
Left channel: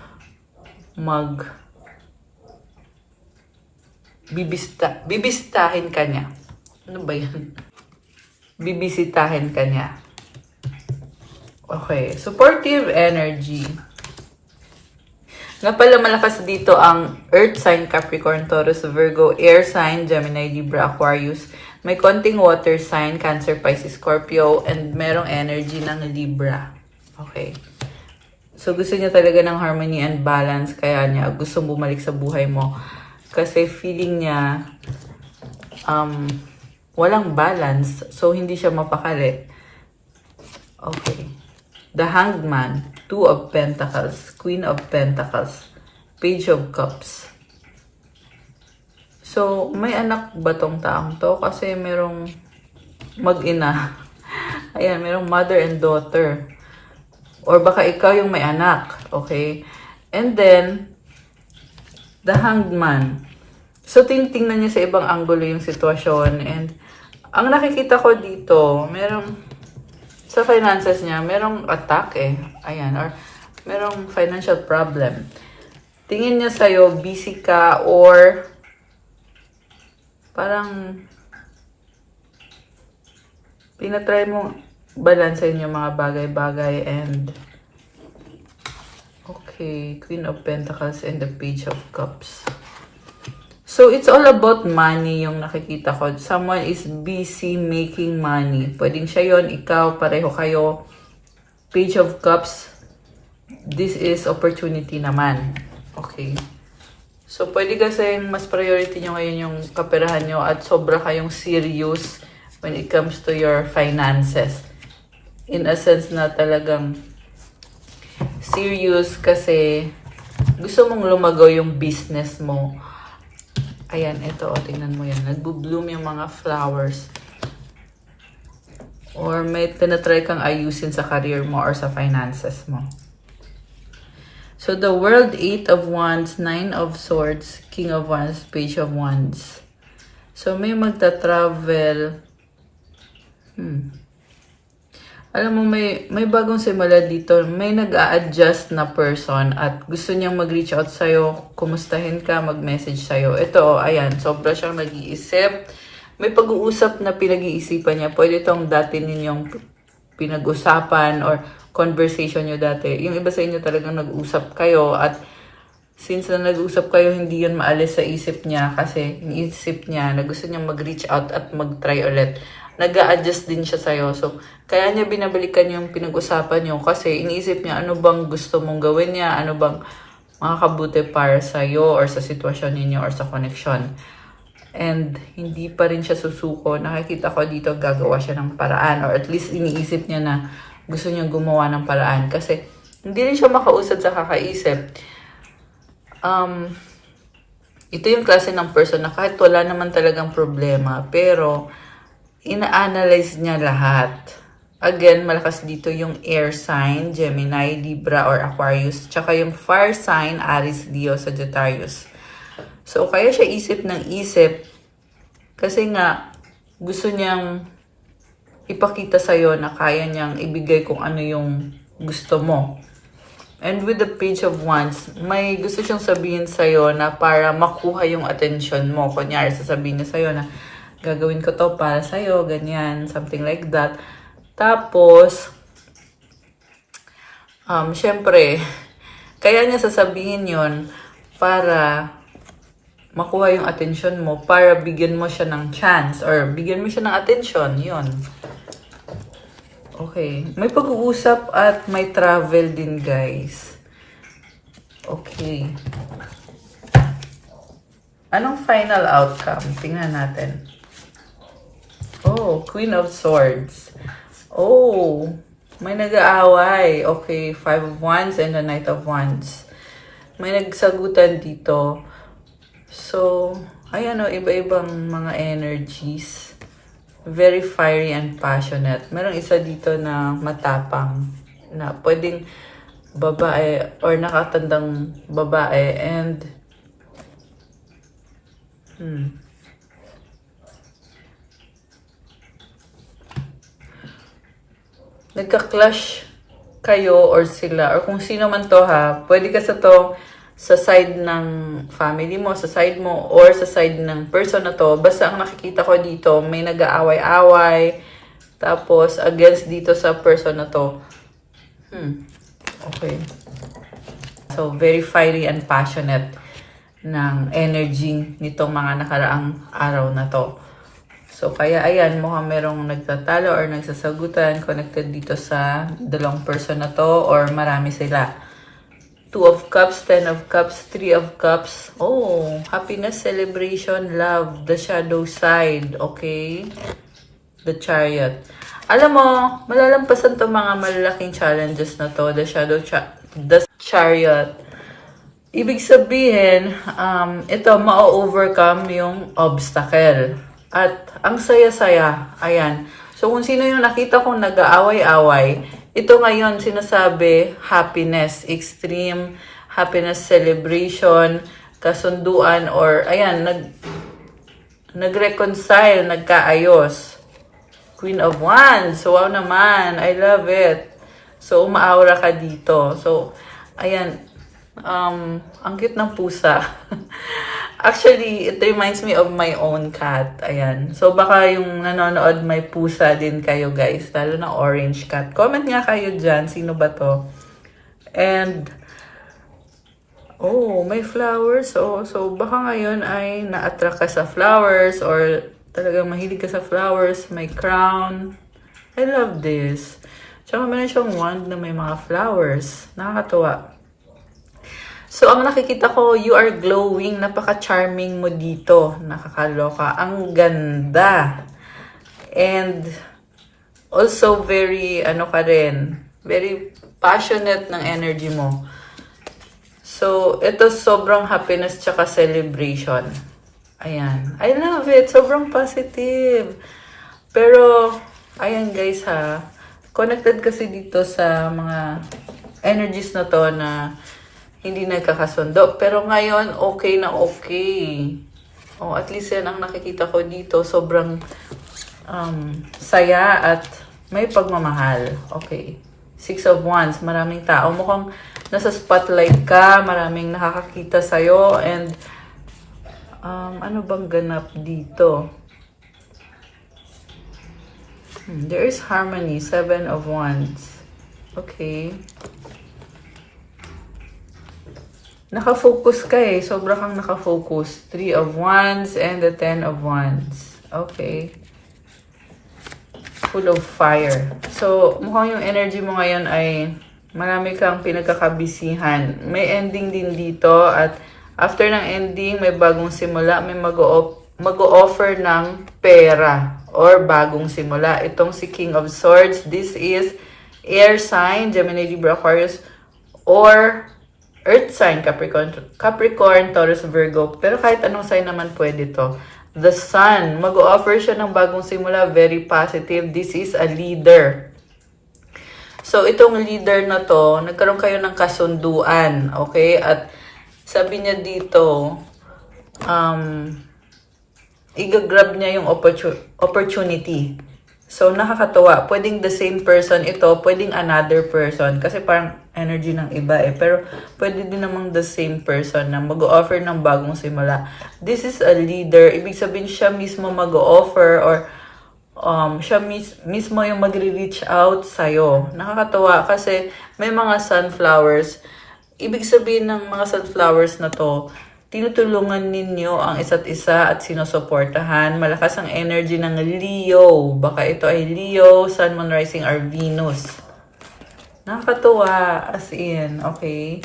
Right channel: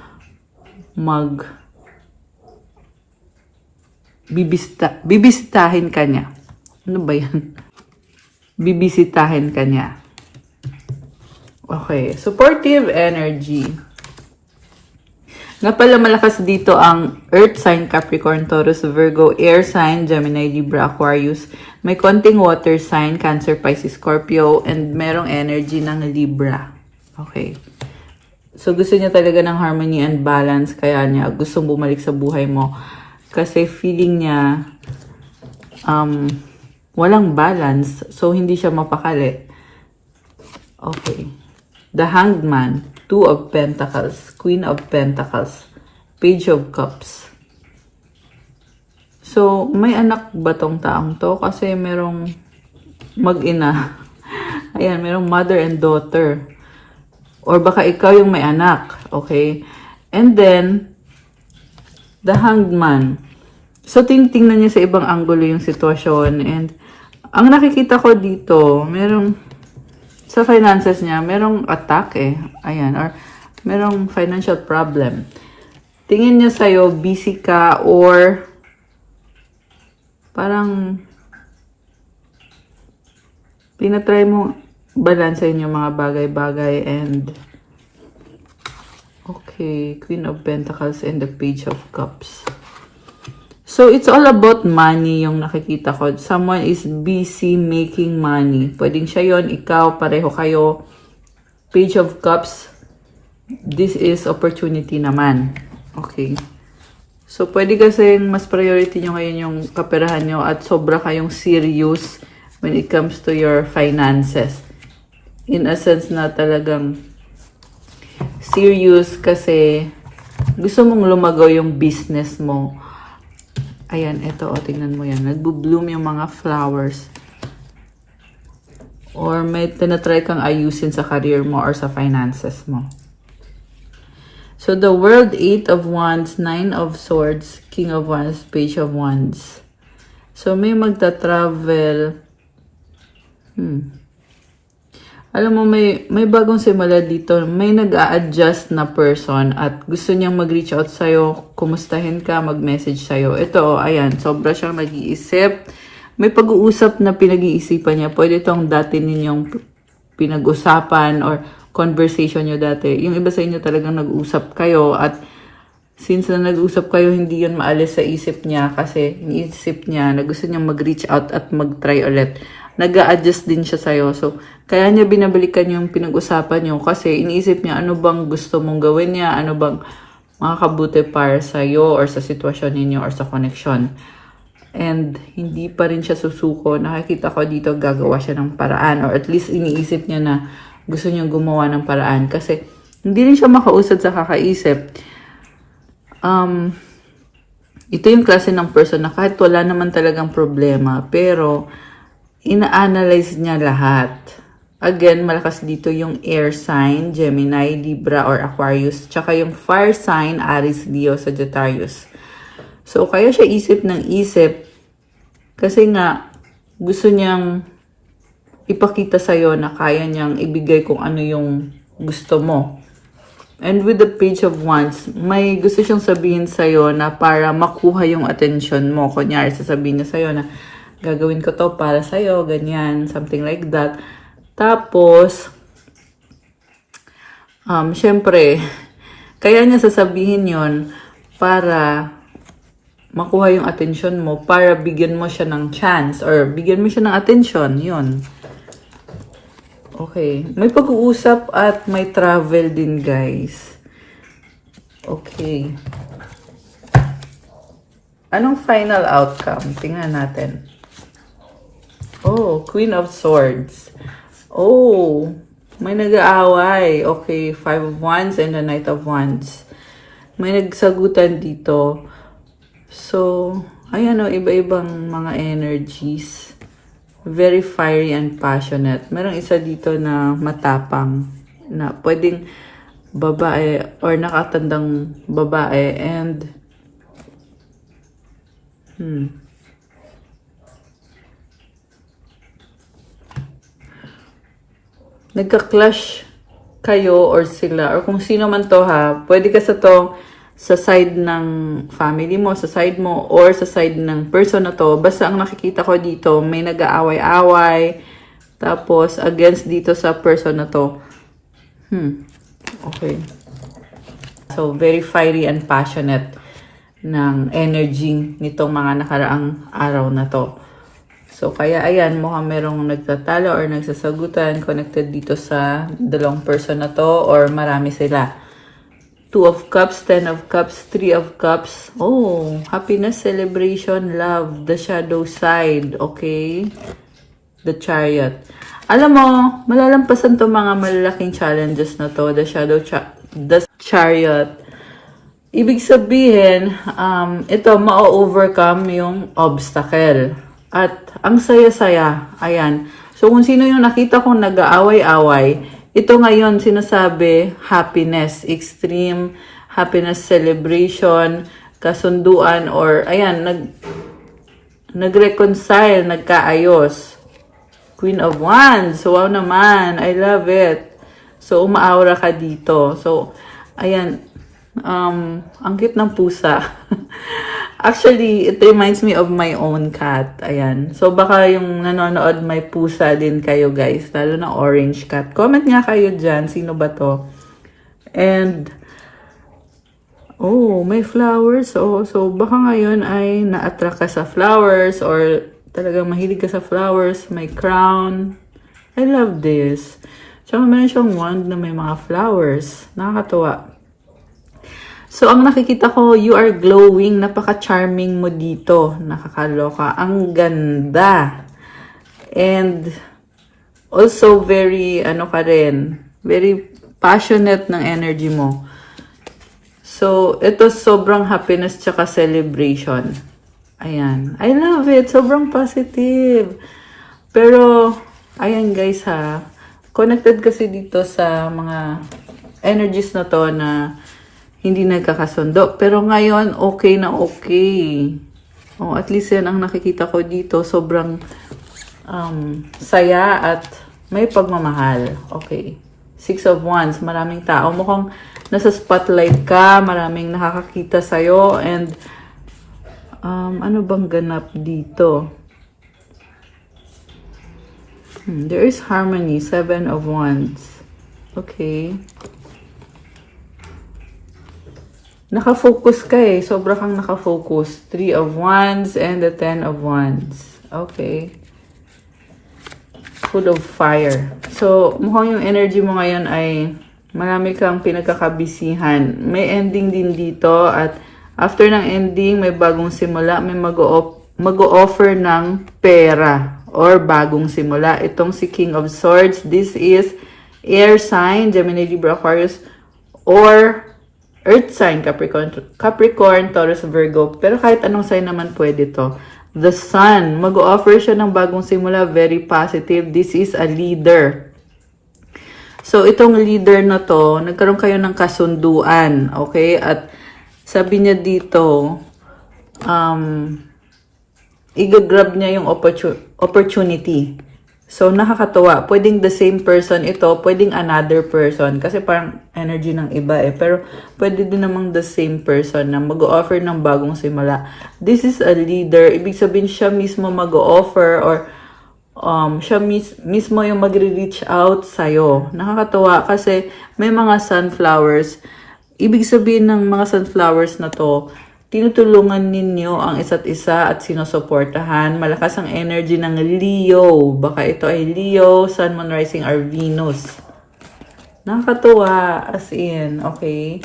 bibisitahin ka niya. Ano ba yan? Bibisitahin ka niya. Okay, supportive energy. Nga pala, malakas dito ang Earth sign, Capricorn, Taurus, Virgo, Air sign, Gemini, Libra, Aquarius. May konting water sign, Cancer, Pisces, Scorpio, and merong energy ng Libra. Okay. So, gusto niya talaga ng harmony and balance, kaya niya gustong bumalik sa buhay mo. Kasi feeling niya walang balance, so hindi siya mapakali. Okay. The Hanged Man, 2 of Pentacles, Queen of Pentacles, Page of Cups. So, may anak ba tong taong to? Kasi merong mag-ina. Ayan, merong mother and daughter. Or baka ikaw yung may anak. Okay? And then, the Hanged Man. So, tingnan niya sa ibang anggulo yung sitwasyon. And, ang nakikita ko dito, merong sa finances niya, merong attack Ayan, or merong financial problem. Tingin niya sa'yo, busy ka, or parang tinatry mo balansehin yung mga bagay-bagay. And okay, Queen of Pentacles and the Page of Cups. So, it's all about money yung nakikita ko. Someone is busy making money. Pwedeng siya yon, ikaw, pareho kayo. Page of Cups, this is opportunity naman. Okay. So, pwede kasi mas priority nyo ngayon yung kaperahan nyo at sobra kayong serious when it comes to your finances. In a sense na talagang serious kasi gusto mong lumago yung business mo. Ayan, ito, tingnan mo yan. Nagbo-bloom yung mga flowers. Or may tinatry kang ayusin sa career mo or sa finances mo. So, the World, 8 of Wands, 9 of Swords, King of Wands, Page of Wands. So, may magta-travel. Alam mo, may bagong simula dito. May nag-a-adjust na person at gusto niyang mag-reach out sa'yo, kumustahin ka, mag-message sa'yo. Ito, ayan, sobra siyang nag-iisip. May pag-uusap na pinag-iisipan niya. Pwede itong dati ninyong pinag-usapan or conversation niyo dati. Yung iba sa inyo talagang nag-usap kayo at since na nag-usap kayo, hindi yun maalis sa isip niya kasi iniisip niya na gusto niyang mag-reach out at mag-try ulit. Nag-a-adjust din siya sa'yo. So, kaya niya binabalikan yung pinag-usapan niyo kasi iniisip niya ano bang gusto mong gawin niya, ano bang makakabuti para sa'yo or sa sitwasyon ninyo or sa connection. And hindi pa rin siya susuko. Nakikita ko dito gagawa siya ng paraan or at least iniisip niya na gusto niyang gumawa ng paraan kasi hindi rin siya makausad sa kakaisip. Ito yung klase ng person na kahit wala naman talagang problema pero ina-analyze niya lahat. Again, malakas dito yung air sign, Gemini, Libra, or Aquarius. Tsaka yung fire sign, Aries, Leo, Sagittarius. So, kaya siya isip ng isip kasi nga gusto niyang ipakita sa'yo na kaya niyang ibigay kung ano yung gusto mo. And with the Page of Wands, may gusto siyang sabihin sa'yo na para makuha yung attention mo. Kunyari, sasabihin niya sa'yo na gagawin ko to para sa'yo, ganyan, something like that. Tapos, syempre, kaya niya sasabihin yon para makuha yung attention mo, para bigyan mo siya ng chance or bigyan mo siya ng attention, yun. Okay. May pag-uusap at may travel din, guys. Okay. Anong final outcome? Tingnan natin. Oh, Queen of Swords. Oh, may nag-aaway. Okay, Five of Wands and the Knight of Wands. May nagsagutan dito. So, ayan o, iba-ibang mga energies. Very fiery and passionate. Merong isa dito na matapang. Na pwedeng babae or nakatandang babae and nagka-clash kayo or sila or kung sino man to ha, pwede ka sa side ng family mo, sa side mo or sa side ng person na to. Basta ang nakikita ko dito may nag-aaway-away tapos against dito sa person na to. Okay. So, very fiery and passionate ng energy nitong mga nakaraang araw na to. So, kaya ayan, mukhang merong nagtatalo or nagsasagutan connected dito sa dalawang person na to or marami sila. Two of Cups, Ten of Cups, Three of Cups. Oh, happiness, celebration, love, the shadow side. Okay? The Chariot. Alam mo, malalampasan to mga malalaking challenges na to. The Chariot. Ibig sabihin, ito, ma-overcome yung obstacle. At ang saya-saya, ayan. So, kung sino yung nakita kong nag-aaway-away, ito ngayon sinasabi, happiness, extreme happiness celebration, kasunduan, or ayan, nag-reconcile, nagkaayos. Queen of Wands. Wow naman. I love it. So, umaaura ka dito. So, ayan. Ang cute ng pusa. Actually, it reminds me of my own cat. Ayan. So, baka yung nanonood may pusa din kayo, guys. Lalo na orange cat. Comment nga kayo dyan. Sino ba to? And, oh, may flowers. Oh, so, baka ngayon ay na-attract ka sa flowers or talagang mahilig ka sa flowers, may crown. I love this. Tsaka meron siyang wand na may mga flowers. Nakakatuwa. So, ang nakikita ko, you are glowing. Napaka-charming mo dito. Nakakaloka. Ang ganda. And also very, very passionate ng energy mo. So, ito sobrang happiness tsaka celebration. Ayan. I love it. Sobrang positive. Pero, ayan guys ha. Connected kasi dito sa mga energies na to na hindi nagkakasundo. Pero ngayon, okay na okay. Oh, at least yan ang nakikita ko dito. Sobrang saya at may pagmamahal. Okay. Six of Wands. Maraming tao. Mukhang nasa spotlight ka. Maraming nakakakita sa'yo. And ano bang ganap dito? There is harmony. Seven of Wands. Okay. Nakafocus ka eh. Sobra kang nakafocus. Three of Wands and the Ten of Wands. Okay. Full of fire. So, mukhang yung energy mo ngayon ay marami kang pinagkakabisihan. May ending din dito at after ng ending, may bagong simula, may mag-o-offer ng pera or bagong simula. Itong si King of Swords, this is air sign, Gemini, Libra, Aquarius, or earth sign, Capricorn, Taurus, Virgo. Pero kahit anong sign naman pwede to. The Sun, mag-o-offer siya ng bagong simula, very positive. This is a leader. So, itong leader na to, nagkaroon kayo ng kasunduan, okay? At sabi niya dito, i-grab niya yung opportunity. So, nakakatawa. Pwedeng the same person ito, pwedeng another person. Kasi parang energy ng iba eh. Pero, pwede din namang the same person na mag-o-offer ng bagong simula. This is a leader. Ibig sabihin siya mismo mag-o-offer or siya mismo yung magre-reach out sa'yo. Nakakatawa kasi may mga sunflowers. Ibig sabihin ng mga sunflowers na to, tinutulungan ninyo ang isa't isa at sinusuportahan. Malakas ang energy ng Leo. Baka ito ay Leo, Sun, Moon, Rising, or Venus. Nakakatuwa, as in, okay?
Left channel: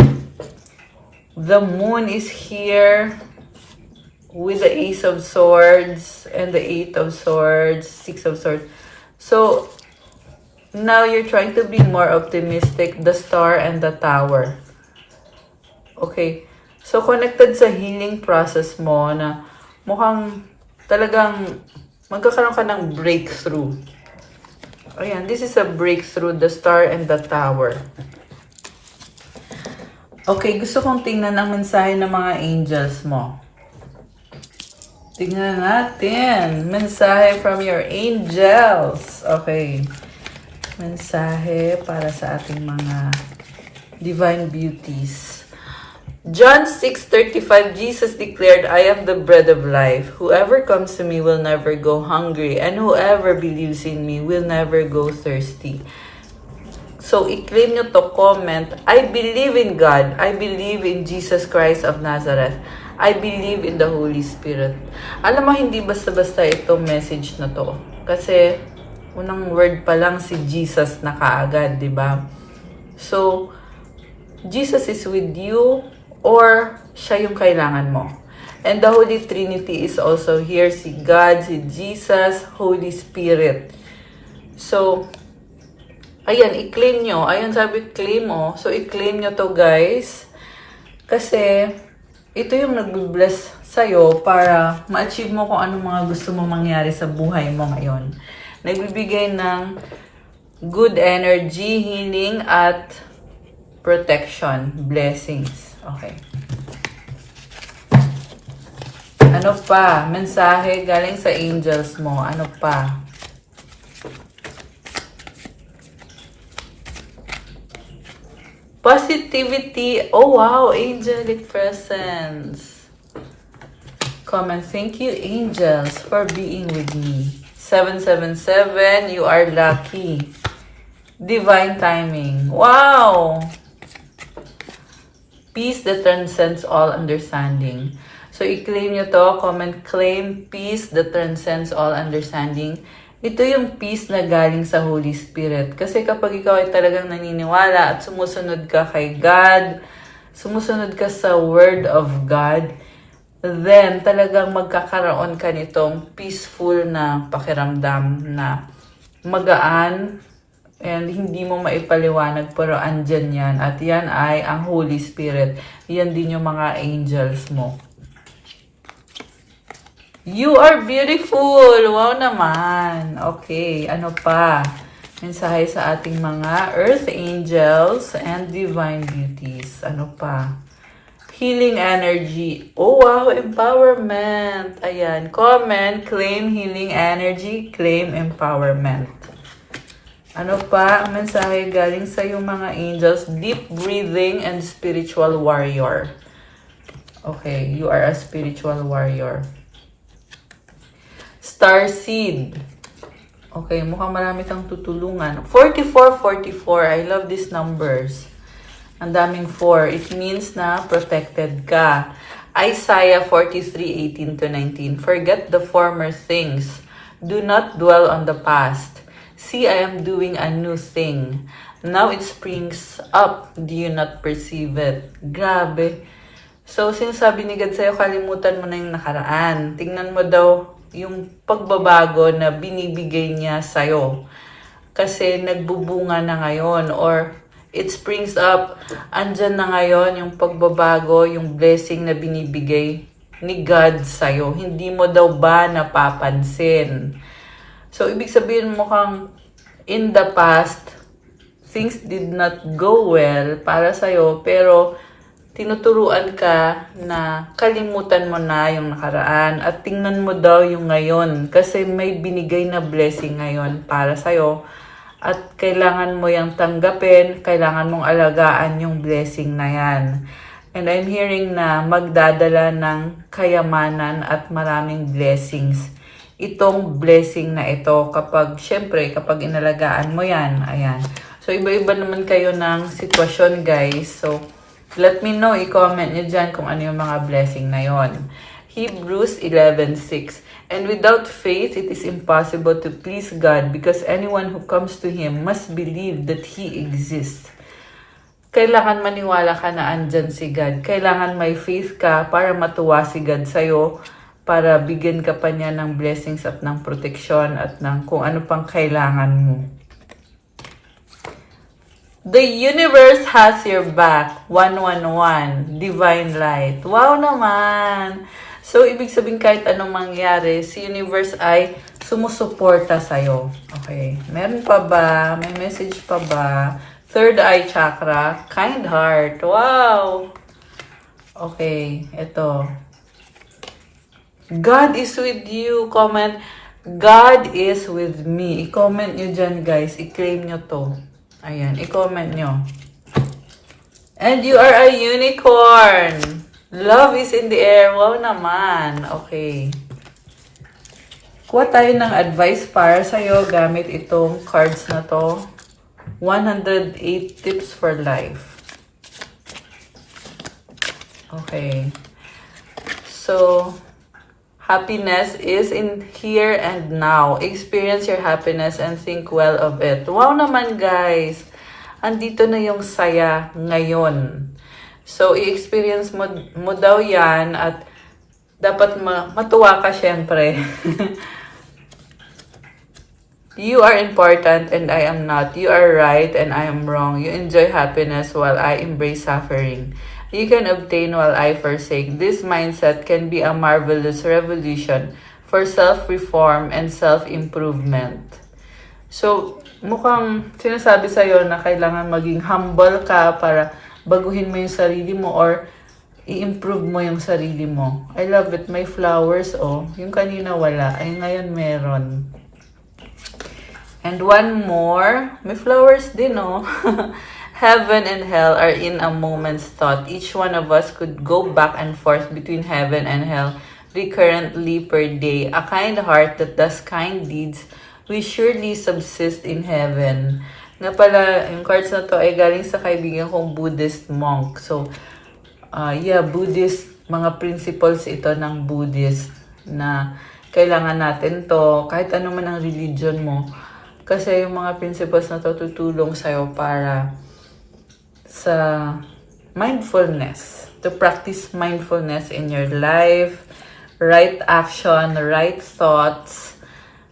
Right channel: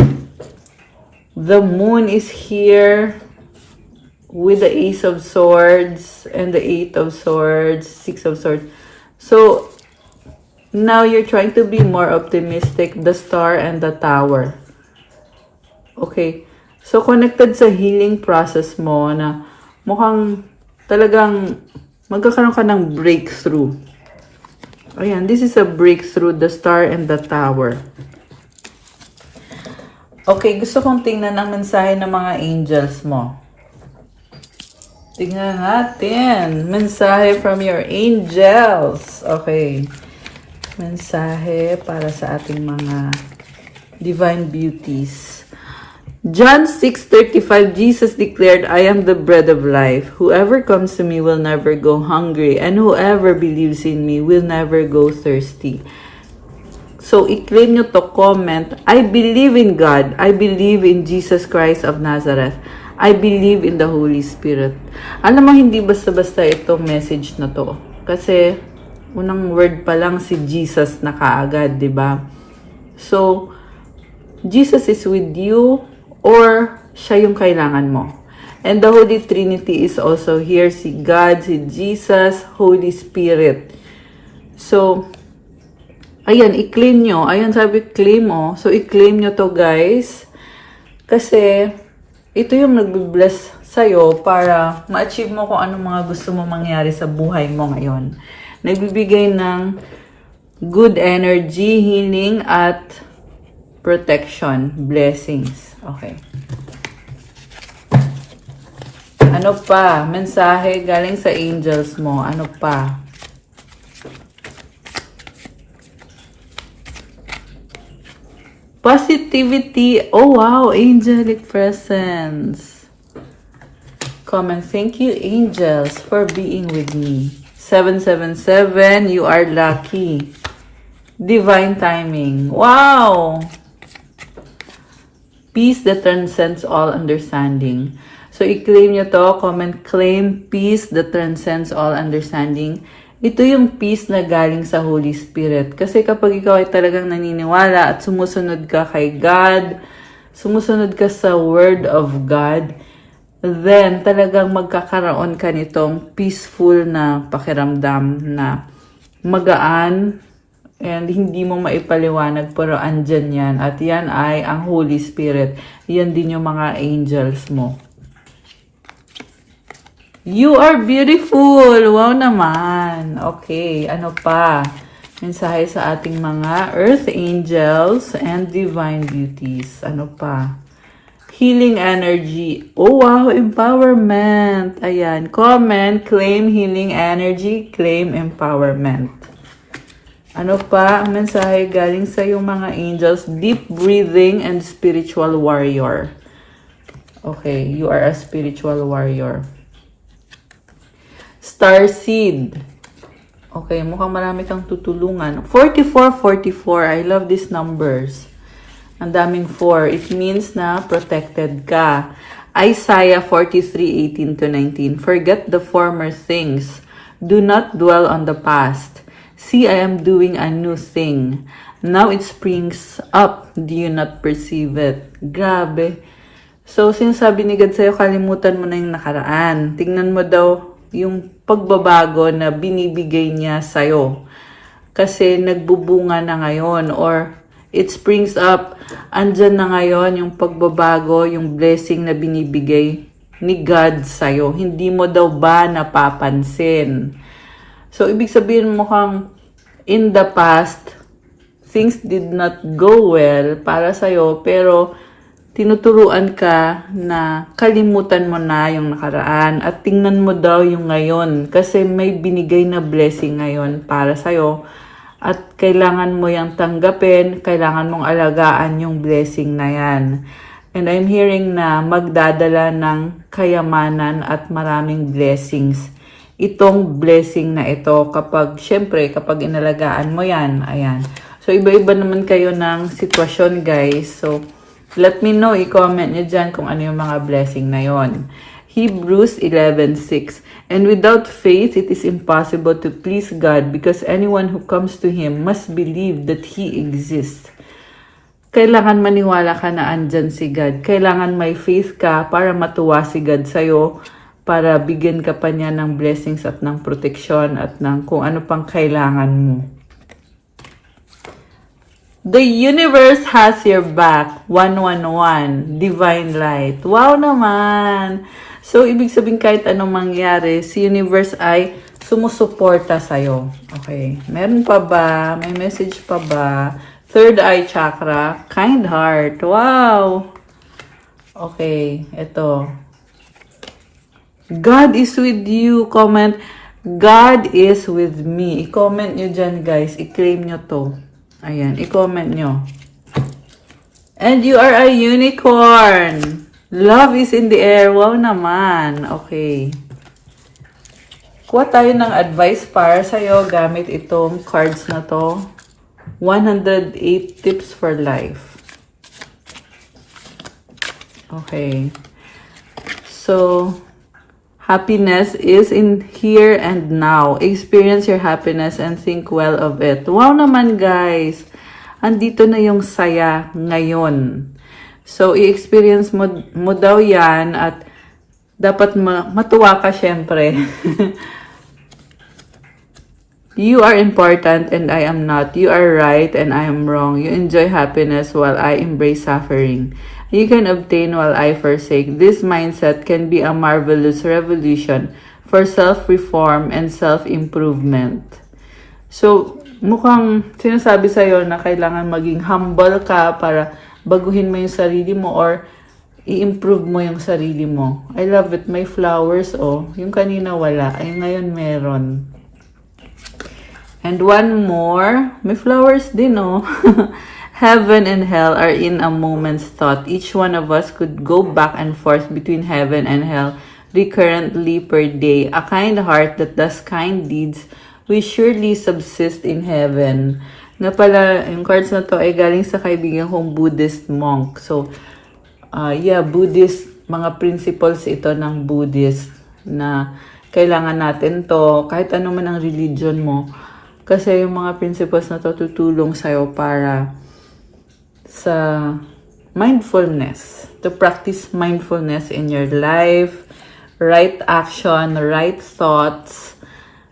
The moon is here with the Ace of Swords and the Eight of Swords, Six of Swords. So, now you're trying to be more optimistic, the Star and the Tower. Okay. So, connected sa healing process mo na mukhang talagang magkakaroon ka ng breakthrough. Ayan, this is a breakthrough, the Star and the Tower. Okay, gusto kong tingnan ang mensahe ng mga angels mo. Tingnan natin. Mensahe from your angels. Okay. Mensahe para sa ating mga divine beauties. John 6:35, Jesus declared, I am the bread of life. Whoever comes to me will never go hungry, and whoever believes in me will never go thirsty. So, i-claim nyo to, comment, I believe in God. I believe in Jesus Christ of Nazareth. I believe in the Holy Spirit. Alam mo, hindi basta-basta itong message na to. Kasi, unang word pa lang si Jesus na kaagad, di ba? So, Jesus is with you or siya yung kailangan mo. And the Holy Trinity is also here. Si God, si Jesus, Holy Spirit. So, ayan, i-claim nyo. Ayan, sabi, claim mo. So, i-claim nyo to, guys. Kasi, ito yung nag-bless sa'yo para ma-achieve mo kung anong mga gusto mo mangyari sa buhay mo ngayon. Nagbibigay ng good energy, healing, at protection, blessings. Okay. Ano pa? Mensahe galing sa angels mo. Ano pa? Positivity. Oh, wow. Angelic presence. Comment. Thank you, angels, for being with me. 777. You are lucky. Divine timing. Wow. Peace that transcends all understanding. So, i-claim nyo to. Comment, claim peace that transcends all understanding. Ito yung peace na galing sa Holy Spirit. Kasi kapag ikaw ay talagang naniniwala at sumusunod ka kay God, sumusunod ka sa Word of God, then talagang magkakaroon ka nitong peaceful na pakiramdam na magaan and hindi mo maipaliwanag pero andyan yan. At yan ay ang Holy Spirit. Yan din yung mga angels mo. You are beautiful! Wow naman! Okay, ano pa? Mensahe sa ating mga earth angels and divine beauties. Ano pa? Healing energy. Oh wow, empowerment! Ayan, comment, claim healing energy, claim empowerment. Ano pa? Mensahe galing sa yung mga angels, deep breathing and spiritual warrior. Okay, you are a spiritual warrior. Star seed. Okay, mukhang marami kang tutulungan. 4444. I love these numbers. Ang daming 4. It means na protected ka. Isaiah 43:18-19. Forget the former things. Do not dwell on the past. See, I am doing a new thing. Now it springs up. Do you not perceive it? Grabe. So, sinasabi ni God sa'yo, kalimutan mo na yung nakaraan. Tingnan mo daw yung pagbabago na binibigay niya sa'yo. Kasi nagbubunga na ngayon or it springs up. Andyan na ngayon yung pagbabago, yung blessing na binibigay ni God sa'yo. Hindi mo daw ba napapansin? So, ibig sabihin mo kang in the past, things did not go well para sa'yo, pero tinuturuan ka na kalimutan mo na yung nakaraan at tingnan mo daw yung ngayon kasi may binigay na blessing ngayon para sa'yo at kailangan mo yung tanggapin, kailangan mong alagaan yung blessing na yan. And I'm hearing na magdadala ng kayamanan at maraming blessings. Itong blessing na ito kapag, syempre, kapag inalagaan mo yan, ayan. So, iba-iba naman kayo ng sitwasyon, guys. So, let me know, i-comment nyo dyan kung ano yung mga blessing na yon. Hebrews 11:6. And without faith, it is impossible to please God because anyone who comes to Him must believe that He exists. kailangan maniwala ka na andyan si God. Kailangan may faith ka para matuwa si God sa'yo, para bigyan ka pa niya ng blessings at ng protection at ng kung ano pang kailangan mo. The universe has your back. 111. Divine light. Wow naman! So, ibig sabihin kahit anong mangyari, si universe ay sumusuporta sa'yo. Okay. Meron pa ba? May message pa ba? Third eye chakra. Kind heart. Wow! Okay. Ito. God is with you. Comment, God is with me. I-comment nyo dyan, guys. I-claim nyo to. Ayan, i-comment nyo. And you are a unicorn. Love is in the air. Wow naman. Okay. Kuha tayo ng advice para sa'yo gamit itong cards na to. 108 tips for life. Okay. So, happiness is in here and now. Experience your happiness and think well of it. Wow naman, guys. Andito na yung saya ngayon. So, i-experience mo daw yan at dapat matuwa ka syempre. You are important and I am not. You are right and I am wrong. You enjoy happiness while I embrace suffering. You can obtain while I forsake. This mindset can be a marvelous revolution for self-reform and self-improvement. So, mukhang sinasabi sa'yo na kailangan maging humble ka para baguhin mo yung sarili mo or i-improve mo yung sarili mo. I love it. May flowers, oh. Yung kanina wala. Ay, ngayon meron. And one more. May flowers din, oh. Heaven and hell are in a moment's thought. Each one of us could go back and forth between heaven and hell recurrently per day. A kind heart that does kind deeds will surely subsist in heaven. Na pala, yung cards na to ay galing sa kaibigan kong Buddhist monk. So, Buddhist, mga principles ito ng Buddhist na kailangan natin to kahit ano man ang religion mo. Kasi yung mga principles na to tutulong sa'yo para sa mindfulness, to practice mindfulness in your life, right action, right thoughts.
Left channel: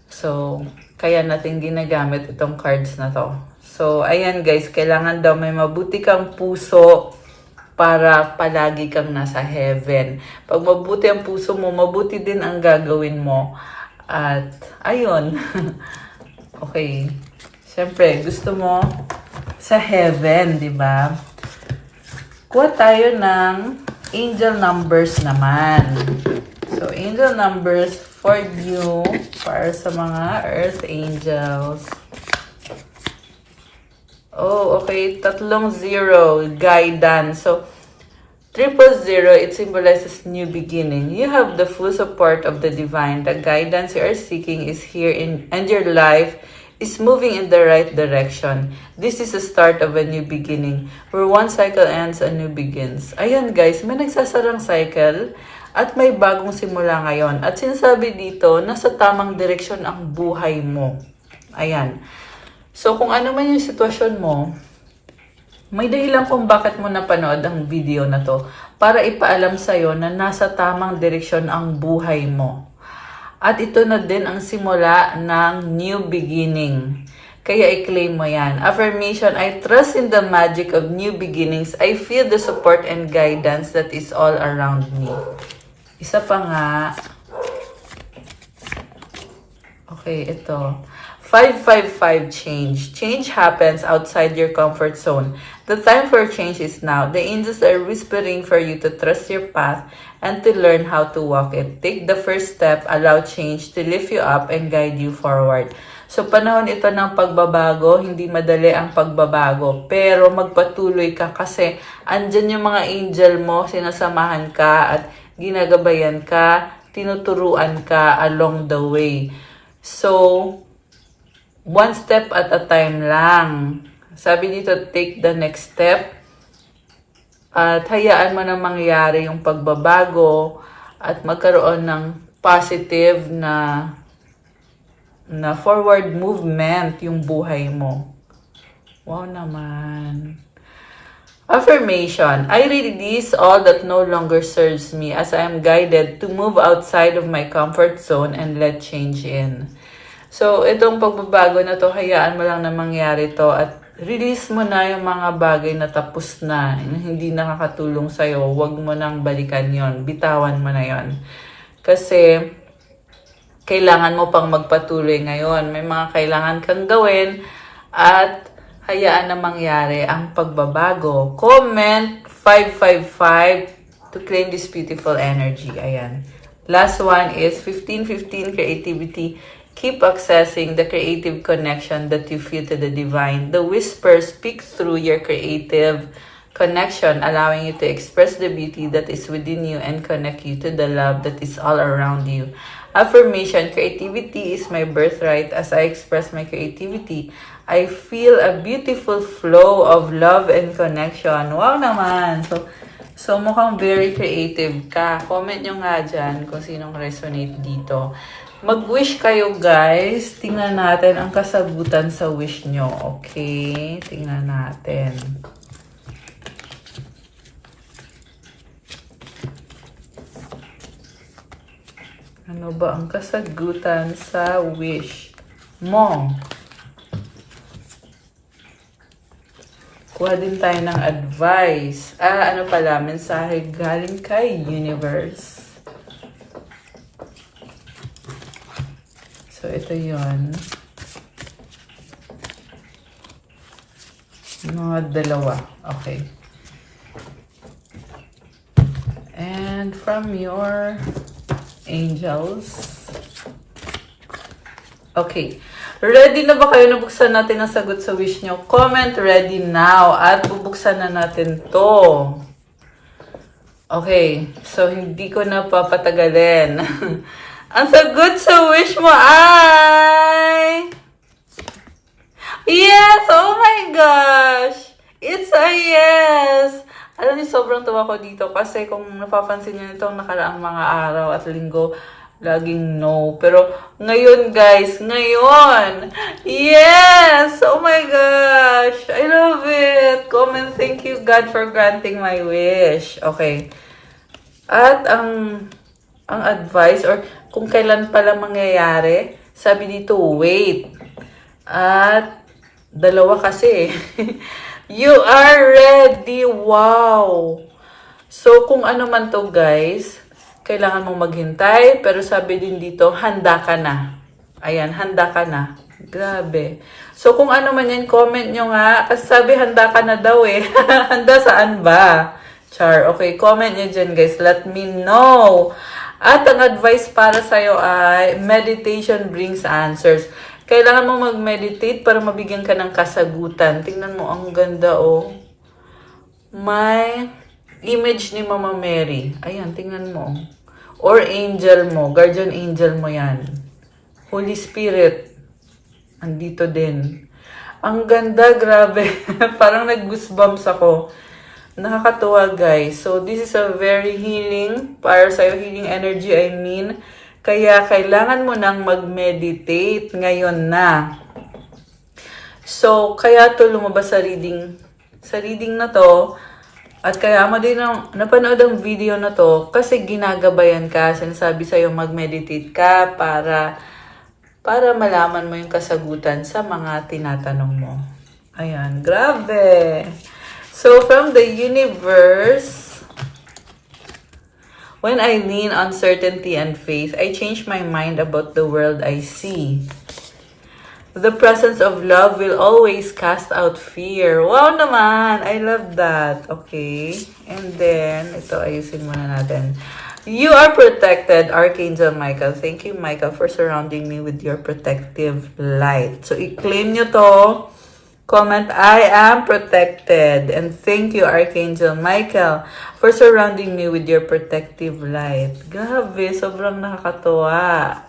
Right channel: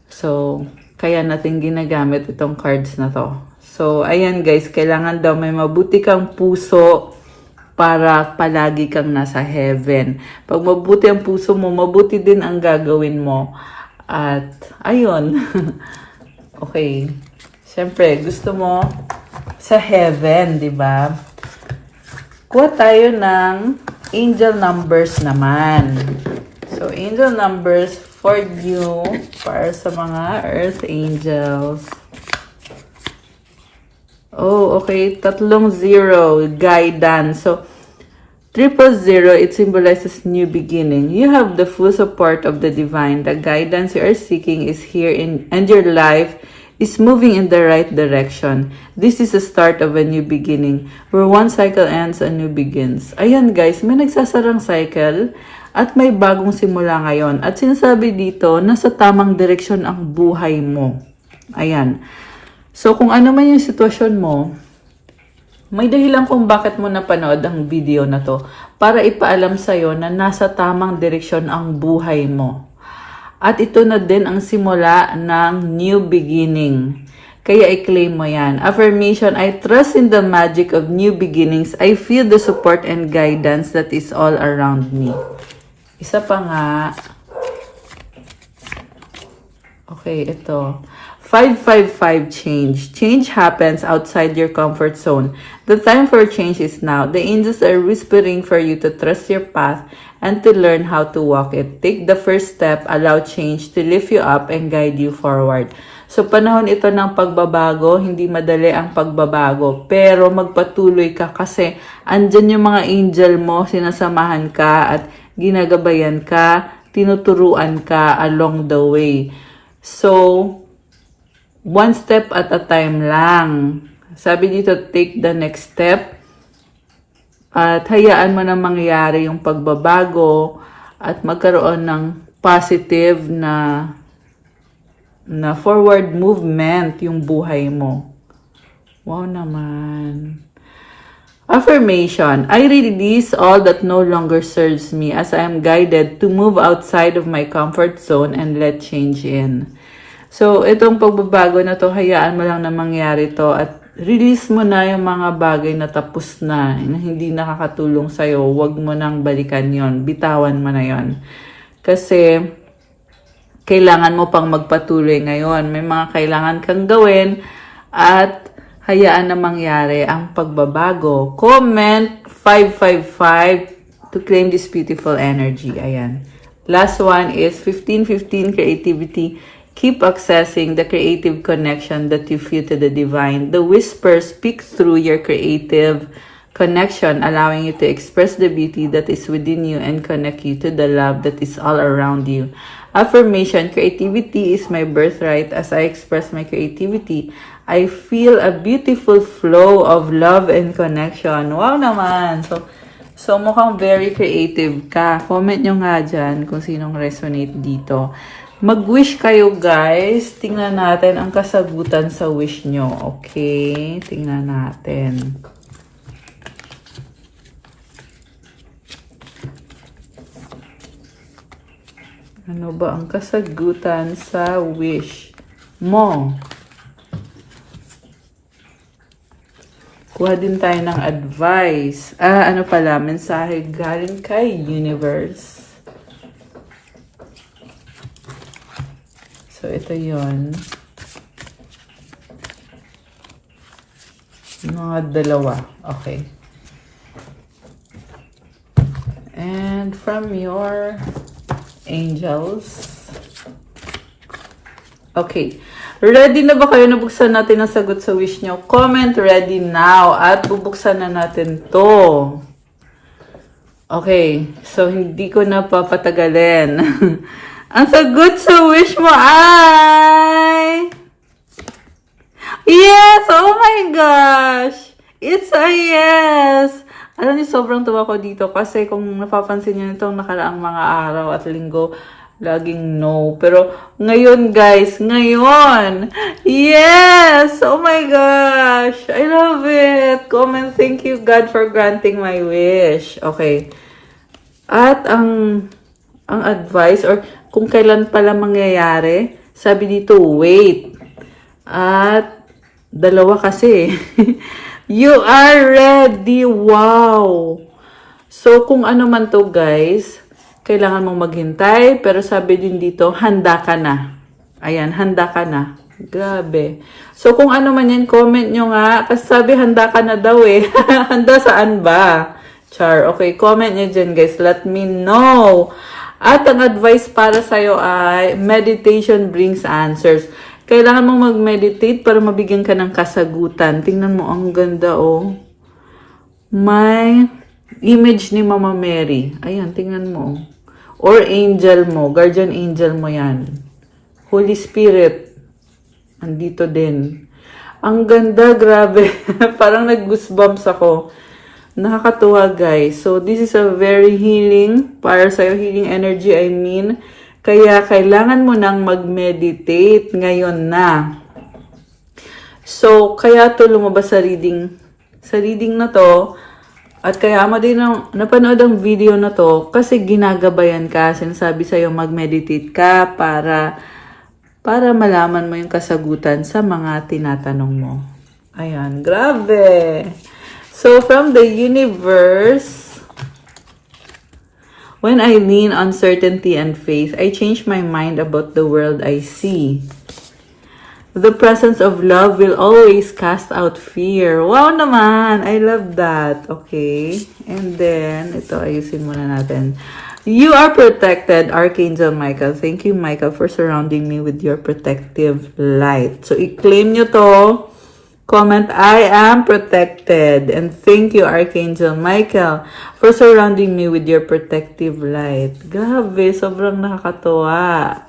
So, kaya natin ginagamit itong cards na to. So, ayan guys, kailangan daw may mabuti kang puso para palagi kang nasa heaven. Pag mabuti ang puso mo, mabuti din ang gagawin mo. At, ayun. Okay. Siyempre, gusto mo sa heaven, di ba? Kuha tayo ng angel numbers naman. So, angel numbers for you, para sa mga earth angels. Oh, okay. 30, guidance. So, 000, it symbolizes new beginning. You have the full support of the divine. The guidance you are seeking is here and your life is moving in the right direction. This is the start of a new beginning. Where one cycle ends, a new begins. Ayan guys, may nagsasarang cycle at may bagong simula ngayon. At sinasabi dito, nasa tamang direksyon ang buhay mo. Ayan. So, kung ano man yung sitwasyon mo, may dahilan kung bakit mo napanood ang video na to para ipaalam sa'yo na nasa tamang direksyon ang buhay mo. At ito na din ang simula ng new beginning. Kaya i-claim mo yan. Affirmation, I trust in the magic of new beginnings. I feel the support and guidance that is all around me. Isa pa nga. Okay, ito. 555 change. Change happens outside your comfort zone. The time for change is now. The angels are whispering for you to trust your path and to learn how to walk it. Take the first step, allow change to lift you up and guide you forward. So, panahon ito ng pagbabago, hindi madali ang pagbabago. Pero magpatuloy ka kasi andyan yung mga angel mo, sinasamahan ka at ginagabayan ka, tinuturuan ka along the way. So, one step at a time lang. Sabi dito, take the next step. At hayaan mo na mangyari yung pagbabago at magkaroon ng positive na forward movement yung buhay mo. Wow naman. Affirmation, I release all that no longer serves me as I am guided to move outside of my comfort zone and let change in. So, itong pagbabago na to, hayaan mo lang na mangyari to at release mo na yung mga bagay na tapos na hindi nakakatulong sa'yo. Huwag mo nang balikan yon, bitawan mo na yon. Kasi, kailangan mo pang magpatuloy ngayon. May mga kailangan kang gawin at hayaan na mangyari ang pagbabago. Comment 555 to claim this beautiful energy. Ayan. Last one is 1515 creativity. Keep accessing the creative connection that you feel to the divine. The whispers speak through your creative connection, allowing you to express the beauty that is within you and connect you to the love that is all around you. Affirmation, creativity is my birthright. As I express my creativity, I feel a beautiful flow of love and connection. Wow naman! So mukhang very creative ka. Comment nyo nga dyan kung sinong resonate dito. Mag-wish kayo, guys. Tingnan natin ang kasagutan sa wish nyo. Okay? Tingnan natin. Ano ba ang kasagutan sa wish mo? Kuha din tayo ng advice. Ano pala? Mensahe galing kay Universe. So, ito yon. Mga dalawa. Okay. And from your angels. Okay. Ready na ba kayo? Nabuksan natin ang sagot sa wish nyo. Comment ready now. At bubuksan na natin to. Okay. So, hindi ko na papatagalin. Ang sagot sa wish mo ay... Yes! Oh my gosh! It's a yes! Alam niyo, sobrang tuwa ko dito kasi kung napapansin niyo itong nakaraang mga araw at linggo, laging no. Pero ngayon, guys, ngayon! Yes! Oh my gosh! I love it! Comment, thank you God for granting my wish. Okay. At ang advice or kung kailan pala mangyayari, sabi dito, wait. At dalawa kasi. You are ready. Wow. So, kung ano man to, guys, kailangan mong maghintay. Pero sabi din dito, handa ka na. Ayan, handa ka na. Grabe. So, kung ano man yan, comment nyo nga. Kasi sabi, handa ka na daw eh. Handa saan ba? Char. Okay, comment nyo dyan, guys. Let me know. At ang advice para sa'yo ay meditation brings answers. Kailangan mo mag-meditate para mabigyan ka ng kasagutan. Tingnan mo, ang ganda, oh. May image ni Mama Mary. Ayan, tingnan mo. Or angel mo. Guardian angel mo yan. Holy Spirit. Andito din. Ang ganda, grabe. Parang nag-goosebumps ako. Nakakatuwa, guys. So, this is a very healing, para sa'yo, healing energy, I mean. Kaya, kailangan mo nang mag-meditate ngayon na. So, kaya to lumabas sa reading na to. At kaya mo din napanood ang video na to kasi ginagabayan ka. Sinasabi sa'yo, mag-meditate ka para malaman mo yung kasagutan sa mga tinatanong mo. Ayan, grabe! So, from the universe, when I lean on certainty and faith, I change my mind about the world I see. The presence of love will always cast out fear. Wow naman! I love that. Okay. And then, ito, ayusin muna natin. You are protected, Archangel Michael. Thank you, Michael, for surrounding me with your protective light. So, i-claim nyo to. Comment, I am protected. And thank you, Archangel Michael, for surrounding me with your protective light. Grabe, sobrang nakakatuwa.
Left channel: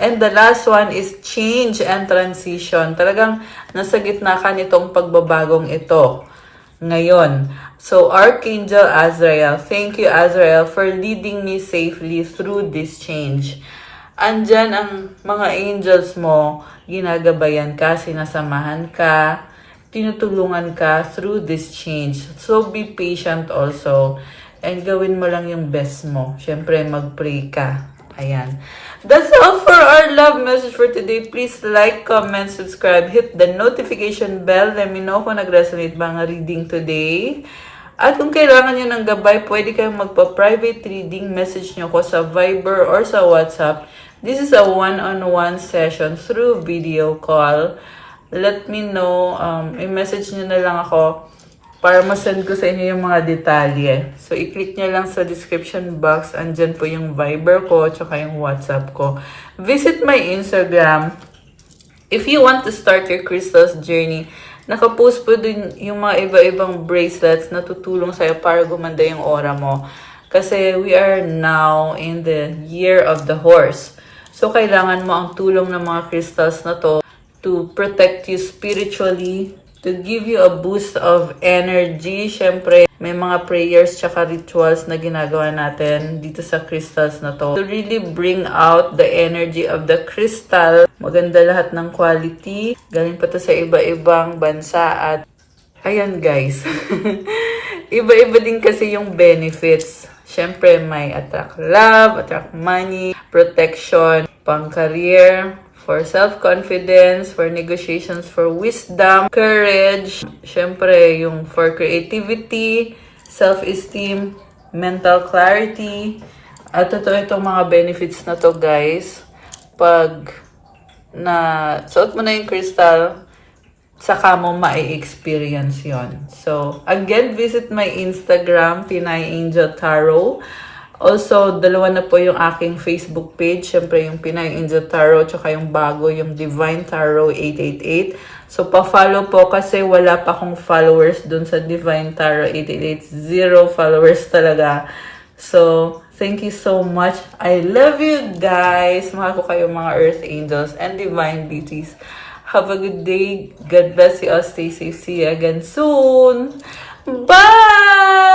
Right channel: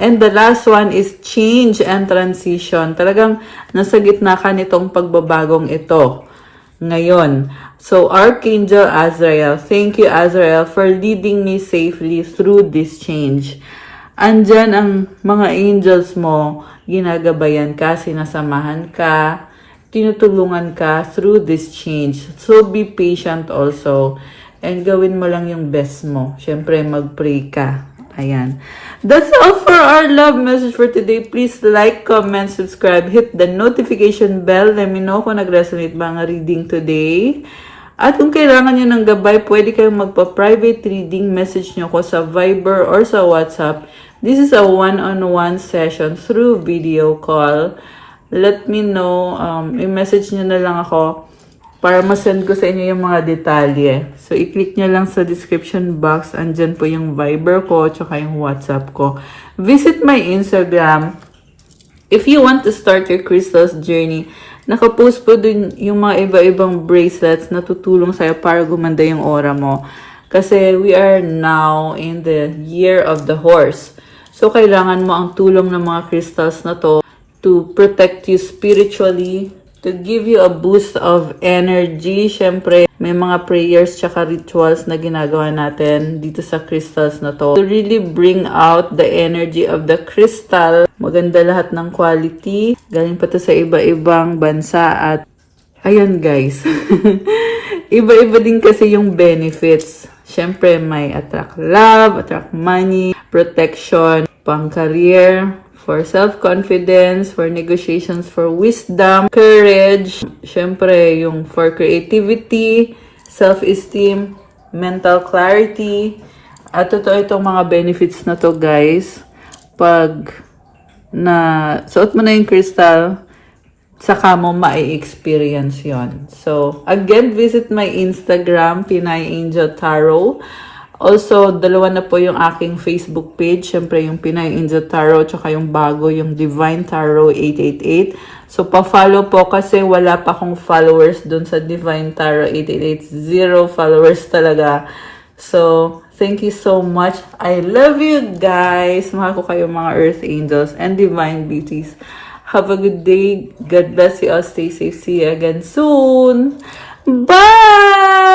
And the last one is change and transition. Talagang nasa gitna ka nitong pagbabagong ito ngayon. So, Archangel Azrael, thank you, Azrael, for leading me safely through this change. Andyan ang mga angels mo, ginagabayan ka, sinasamahan ka, tinutulungan ka through this change. So, be patient also. And gawin mo lang yung best mo. Siyempre, mag-pray ka. Ayan. That's all for our love message for today. Please like, comment, subscribe, hit the notification bell. Let me know kung nag-resonate ba ang reading today. At kung kailangan nyo ng gabay, pwede kayong magpa-private reading. Message nyo ko sa Viber or sa WhatsApp. This is a one-on-one session through video call. Let me know. I-message nyo na lang ako para masend ko sa inyo yung mga detalye. So, i-click nyo lang sa description box. Andyan po yung Viber ko, tsaka yung WhatsApp ko. Visit my Instagram. If you want to start your crystals journey, nakapost po dun yung mga iba-ibang bracelets na tutulong sa'yo para gumanda yung aura mo. Kasi we are now in the year of the horse. So, kailangan mo ang tulong ng mga crystals na to protect you spiritually, to give you a boost of energy. Syempre, may mga prayers tsaka rituals na ginagawa natin dito sa crystals na to. To really bring out the energy of the crystal. Maganda lahat ng quality. Galing pa to sa iba-ibang bansa at ayan guys. Iba-iba din kasi yung benefits. Syempre, may attract love, attract money, protection, pang-career, for self-confidence, for negotiations, for wisdom, courage, syempre yung for creativity, self-esteem, mental clarity. At totoo itong mga benefits na to guys. Pag na suot mo na yung crystal, saka mo ma-experience yon. So, again, visit my Instagram, Pinay Angel Tarot. Also, dalawa na po yung aking Facebook page. Siyempre, yung Pinay Angel Tarot, tsaka yung bago, yung Divine Tarot 888. So, pa-follow po kasi wala pa akong followers dun sa Divine Tarot 888. 0 followers talaga. So, thank you so much. I love you guys. Mahal ko kayo mga Earth Angels and Divine Beauties. Have a good day. God bless you all. Stay safe. See you again soon. Bye!